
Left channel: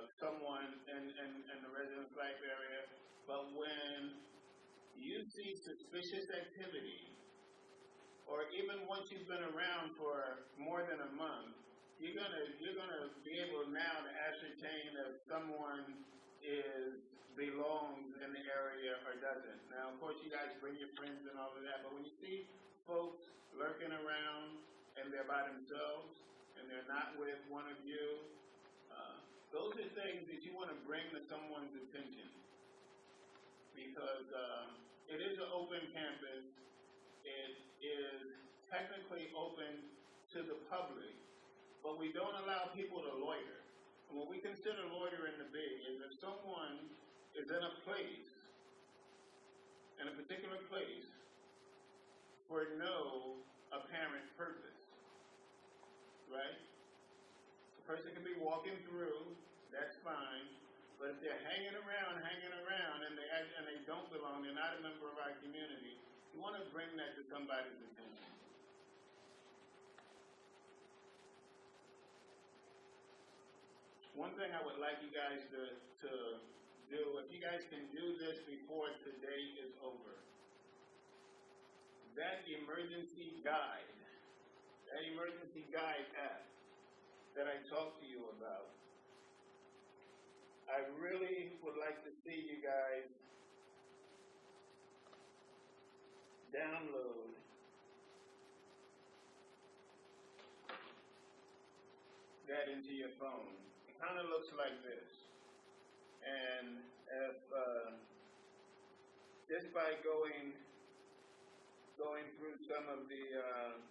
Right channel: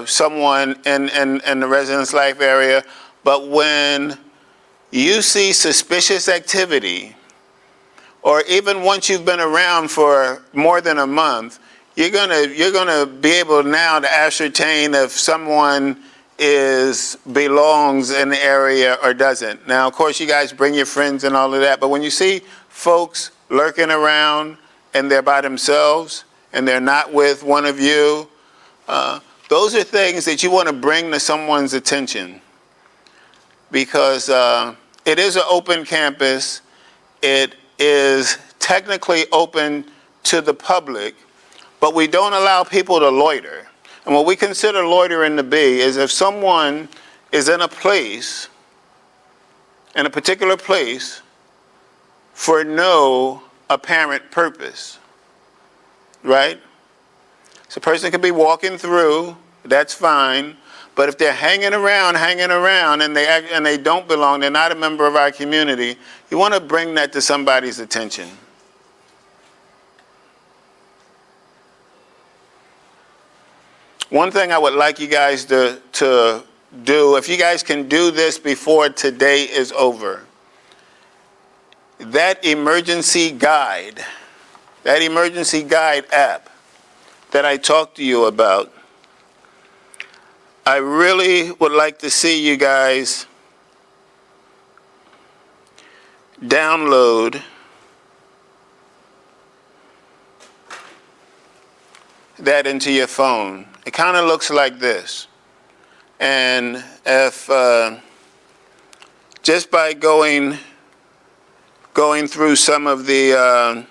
someone in the residence life area. But when you see suspicious activity, or even once you've been around for more than a month, you're gonna be able now to ascertain if someone belongs in the area or doesn't. Now, of course, you guys bring your friends and all of that, but when you see folks lurking around and they're by themselves and they're not with one of you, those are things that you want to bring to someone's attention, because it is an open campus. It is technically open to the public, but we don't allow people to loiter. And what we consider loitering to be is if someone is in a place, in a particular place, for no apparent purpose, right? So a person could be walking through, that's fine, but if they're hanging around, and they don't belong, they're not a member of our community, you want to bring that to somebody's attention. One thing I would like you guys to do, if you guys can do this before today is over, that emergency guide app that I talked to you about, I really would like to see you guys download that into your phone. It kind of looks like this. And if just by going through some of the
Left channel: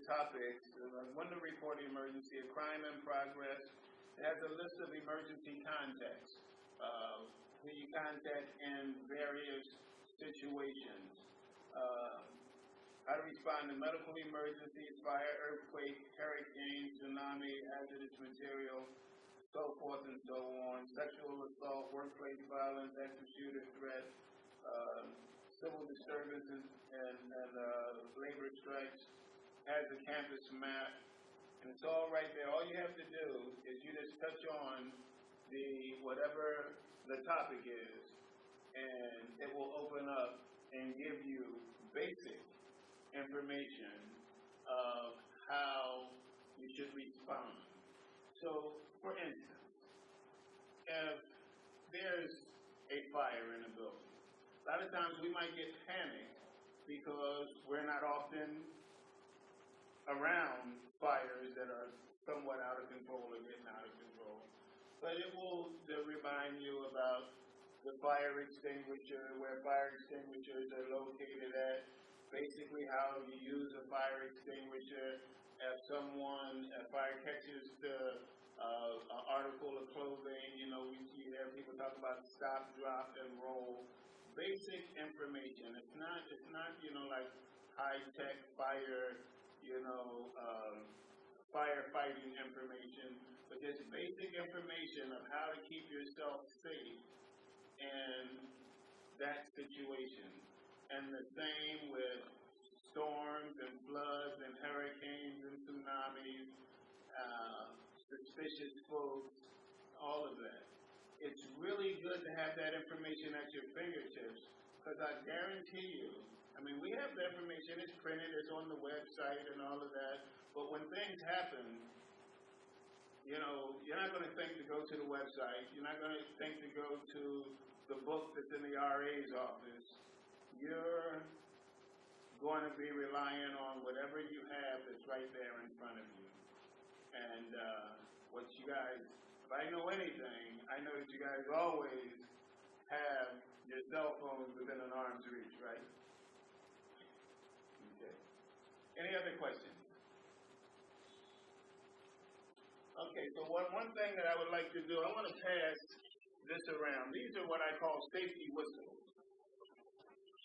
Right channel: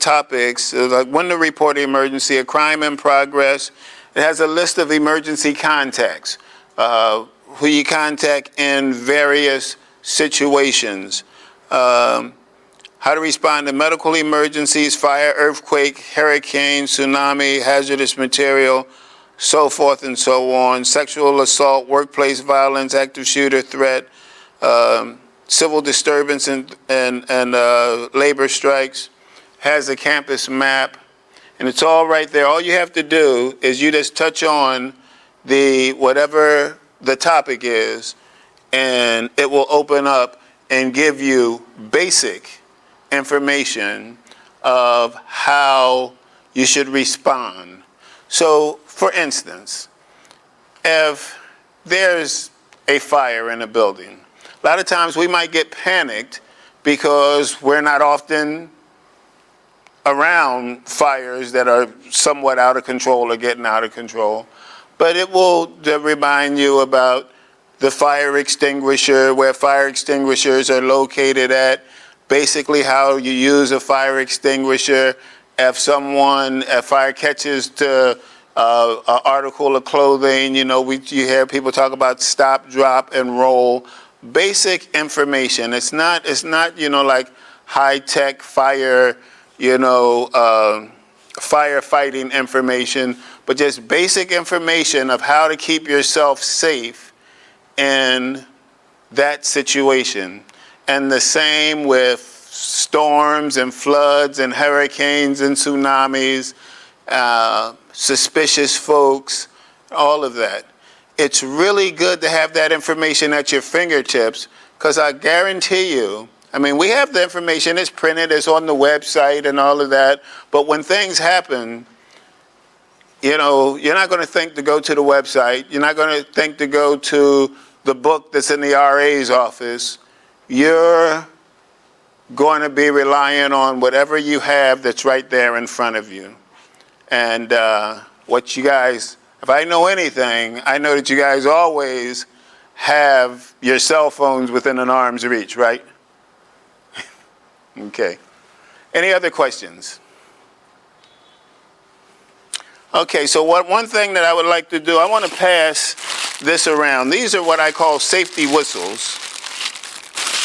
topics, like when to report an emergency, a crime in progress. It has a list of emergency contacts, who you contact in various situations. How to respond to medical emergencies, fire, earthquake, hurricane, tsunami, hazardous material, so forth and so on. Sexual assault, workplace violence, active shooter threat, civil disturbance and labor strikes. Has a campus map, and it's all right there. All you have to do is you just touch on whatever the topic is, and it will open up and give you basic information of how you should respond. So, for instance, if there's a fire in a building, a lot of times we might get panicked because we're not often around fires that are somewhat out of control or getting out of control. But it will remind you about the fire extinguisher, where fire extinguishers are located at, basically how you use a fire extinguisher. If fire catches to an article of clothing, you hear people talk about stop, drop, and roll. Basic information. It's not like high-tech fire, firefighting information, but just basic information of how to keep yourself safe in that situation. And the same with storms and floods and hurricanes and tsunamis, suspicious folks, all of that. It's really good to have that information at your fingertips, because I guarantee you, we have the information, it's printed, it's on the website and all of that, but when things happen, you're not going to think to go to the website, you're not going to think to go to the book that's in the RA's office. You're going to be relying on whatever you have that's right there in front of you. And what you guys, if I know anything, I know that you guys always have your cell phones within an arm's reach, right? Okay. Any other questions? Okay, so one thing that I would like to do, I want to pass this around. These are what I call safety whistles.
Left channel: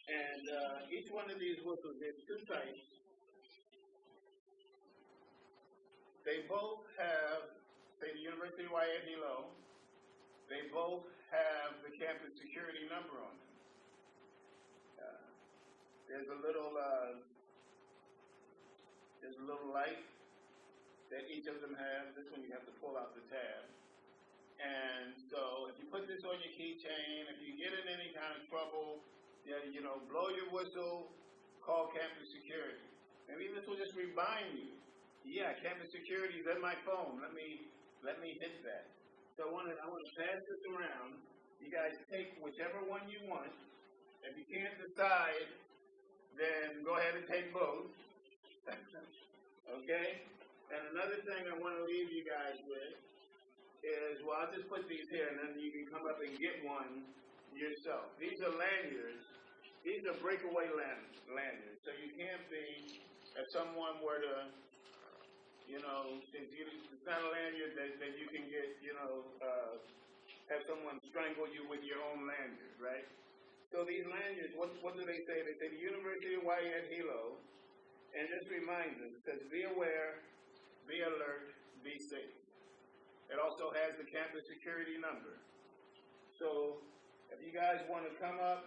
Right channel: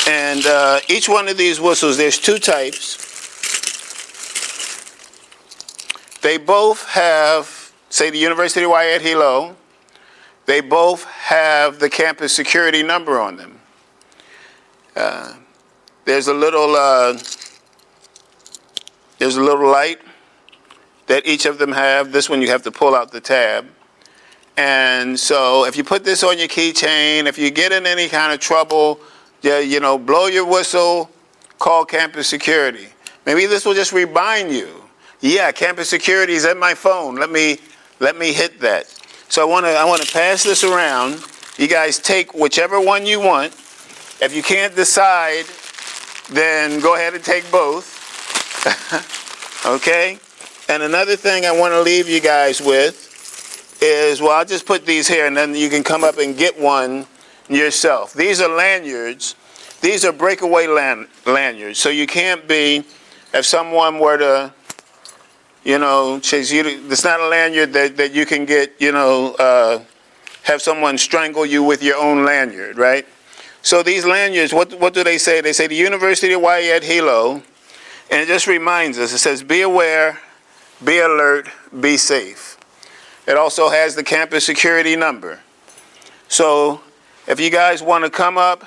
And each one of these whistles, there's two types. They both have, say, the University of Hawai'i at Hilo. They both have the campus security number on them. There's a little light that each of them have. This one you have to pull out the tab. And so if you put this on your keychain, if you get in any kind of trouble, blow your whistle, call campus security. Maybe this will just remind you, yeah, campus security is in my phone. Let me hit that. So I want to pass this around. You guys take whichever one you want. If you can't decide, then go ahead and take both. Okay? And another thing I want to leave you guys with is, well, I'll just put these here, and then you can come up and get one yourself. These are lanyards. These are breakaway lanyards. So you can't be, if someone were to You know, it's not a lanyard that you can get, have someone strangle you with your own lanyard, right? So these lanyards, what do they say? They say the University of Hawaii at Hilo, and it just reminds us, it says, be aware, be alert, be safe. It also has the campus security number. So if you guys want to come up,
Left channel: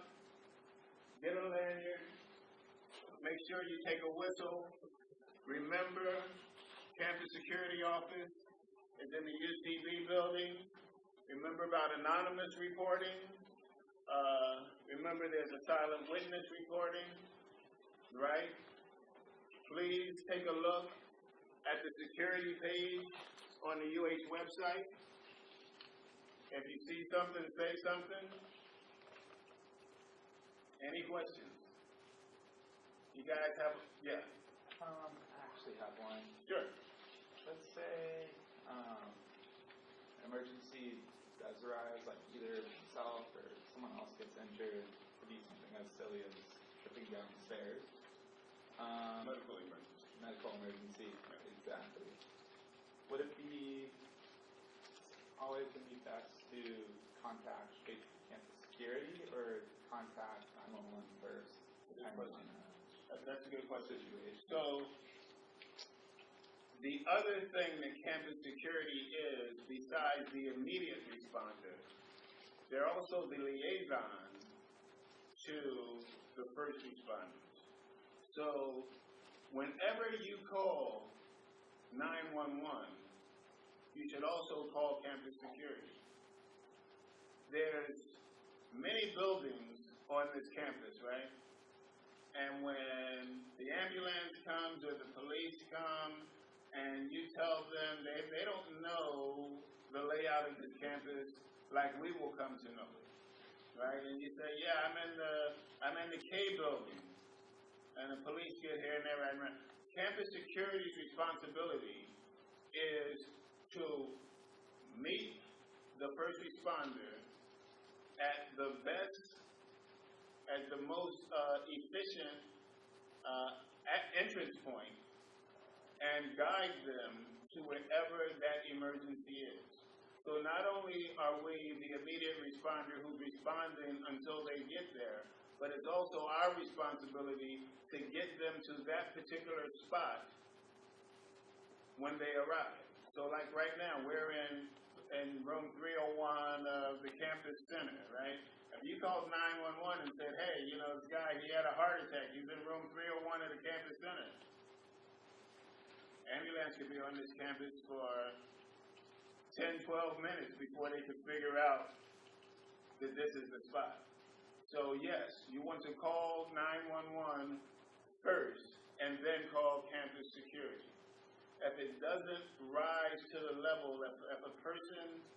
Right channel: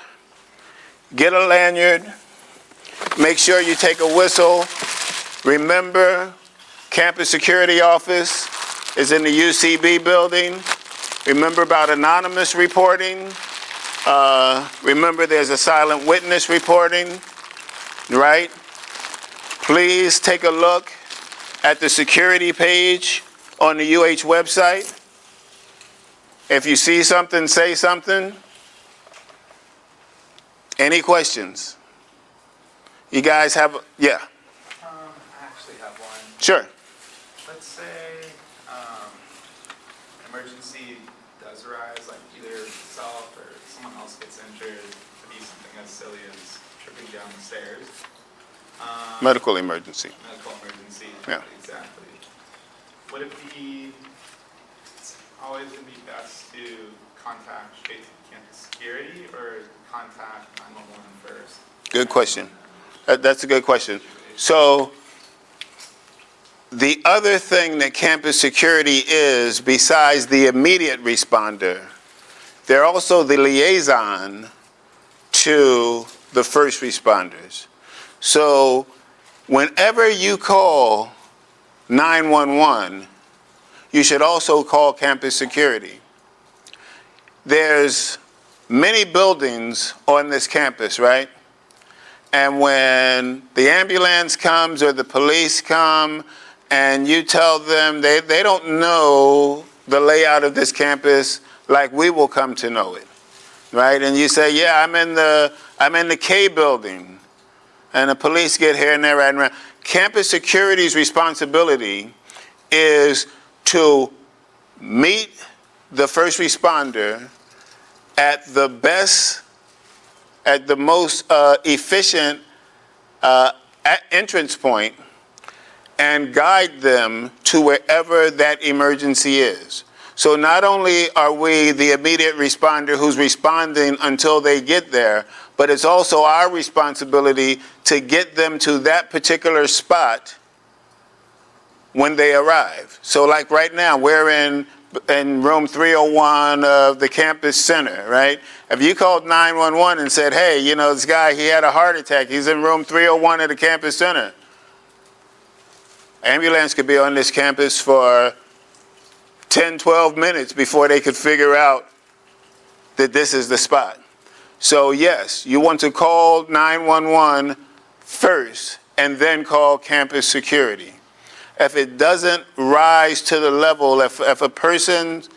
get a lanyard, make sure you take a whistle. Remember, campus security office is in the UCB building. Remember about anonymous reporting. Remember there's a silent witness reporting, right? Please take a look at the security page on the UH website. If you see something, say something. Any questions? You guys have, yeah, I actually have one. sure. Let's say emergency does arise, like either yourself or someone else gets injured. It could be something as silly as tripping down the stairs. Medical emergency. Medical emergency. Yeah. Exactly. Would it be always going to be best to contact straight to campus security or contact 911 first? Good question. That's a good question. So the other thing that campus security is, besides the immediate responder, they're also the liaison to the first responders. So whenever you call 911, you should also call campus security. There's many buildings on this campus, right? And when the ambulance comes or the police come and you tell them they don't know the layout of this campus like we will come to know it, right? And you say, yeah, I'm in the K building, and the police get here and they're riding around. Campus security's responsibility is to meet the first responder at the best, at the most efficient entrance point and guide them to wherever that emergency is. So not only are we the immediate responder who's responding until they get there, but it's also our responsibility to get them to that particular spot when they arrive. So like right now, we're in room 301 of the campus center, right? If you called 911 and said, hey, this guy, he had a heart attack, he's in room 301 of the campus center. Ambulance could be on this campus for 10, 12 minutes before they could figure out that this is the spot. So yes, you want to call 911 first and then call campus security. If it doesn't rise to the level, if a person's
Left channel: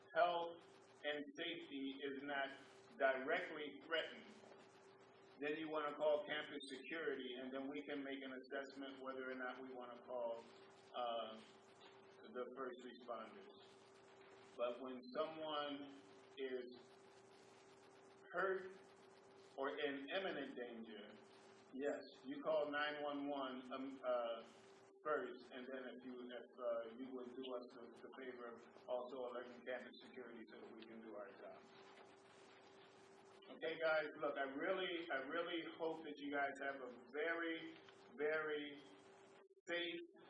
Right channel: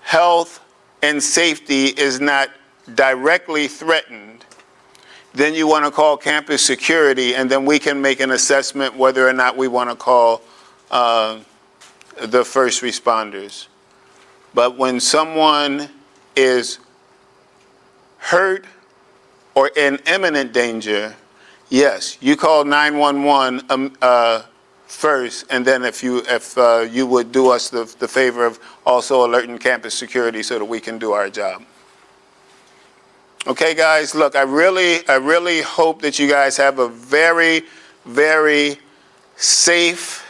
health and safety is not directly threatened, then you want to call campus security, and then we can make an assessment whether or not we want to call the first responders. But when someone is hurt or in imminent danger, yes, you call 911 first, and then if you would do us the favor of also alerting campus security so that we can do our job. Okay, guys, look, I really hope that you guys have a very, very safe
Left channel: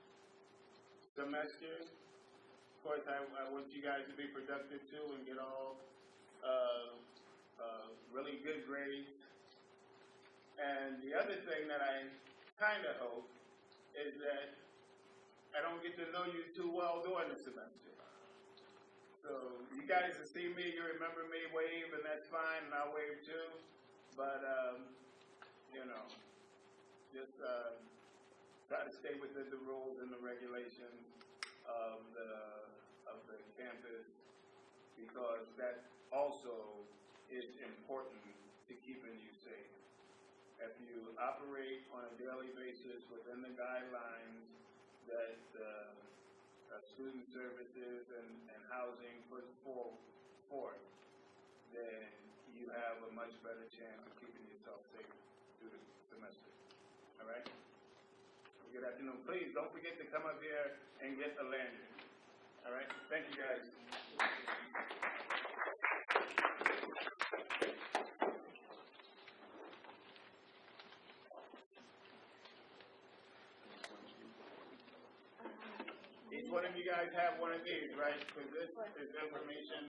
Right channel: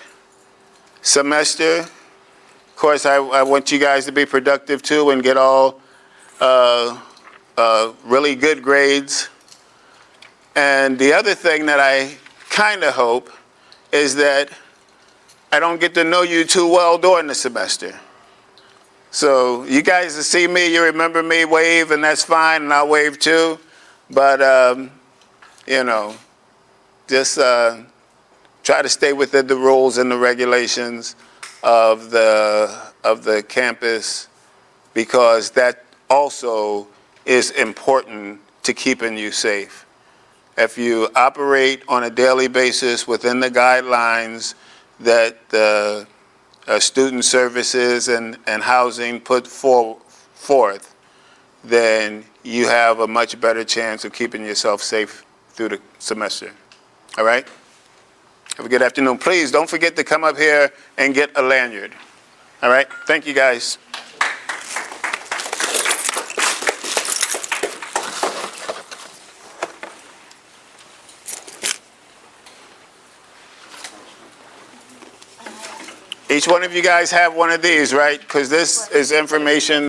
semester. Of course, I want you guys to be productive too and get all really good grades. And the other thing that I kind of hope is that I don't get to know you too well during the semester. So you guys will see me, you remember me, wave, and that's fine, and I'll wave too. But, just try to stay within the rules and the regulations of the campus, because that also is important to keeping you safe. If you operate on a daily basis within the guidelines that the student services and housing put forth, then you have a much better chance of keeping yourself safe through the semester. All right? Have a good afternoon. Please don't forget to come up here and get a lanyard. All right? Thank you, guys. Each one of you guys have one of these, right? Because this is information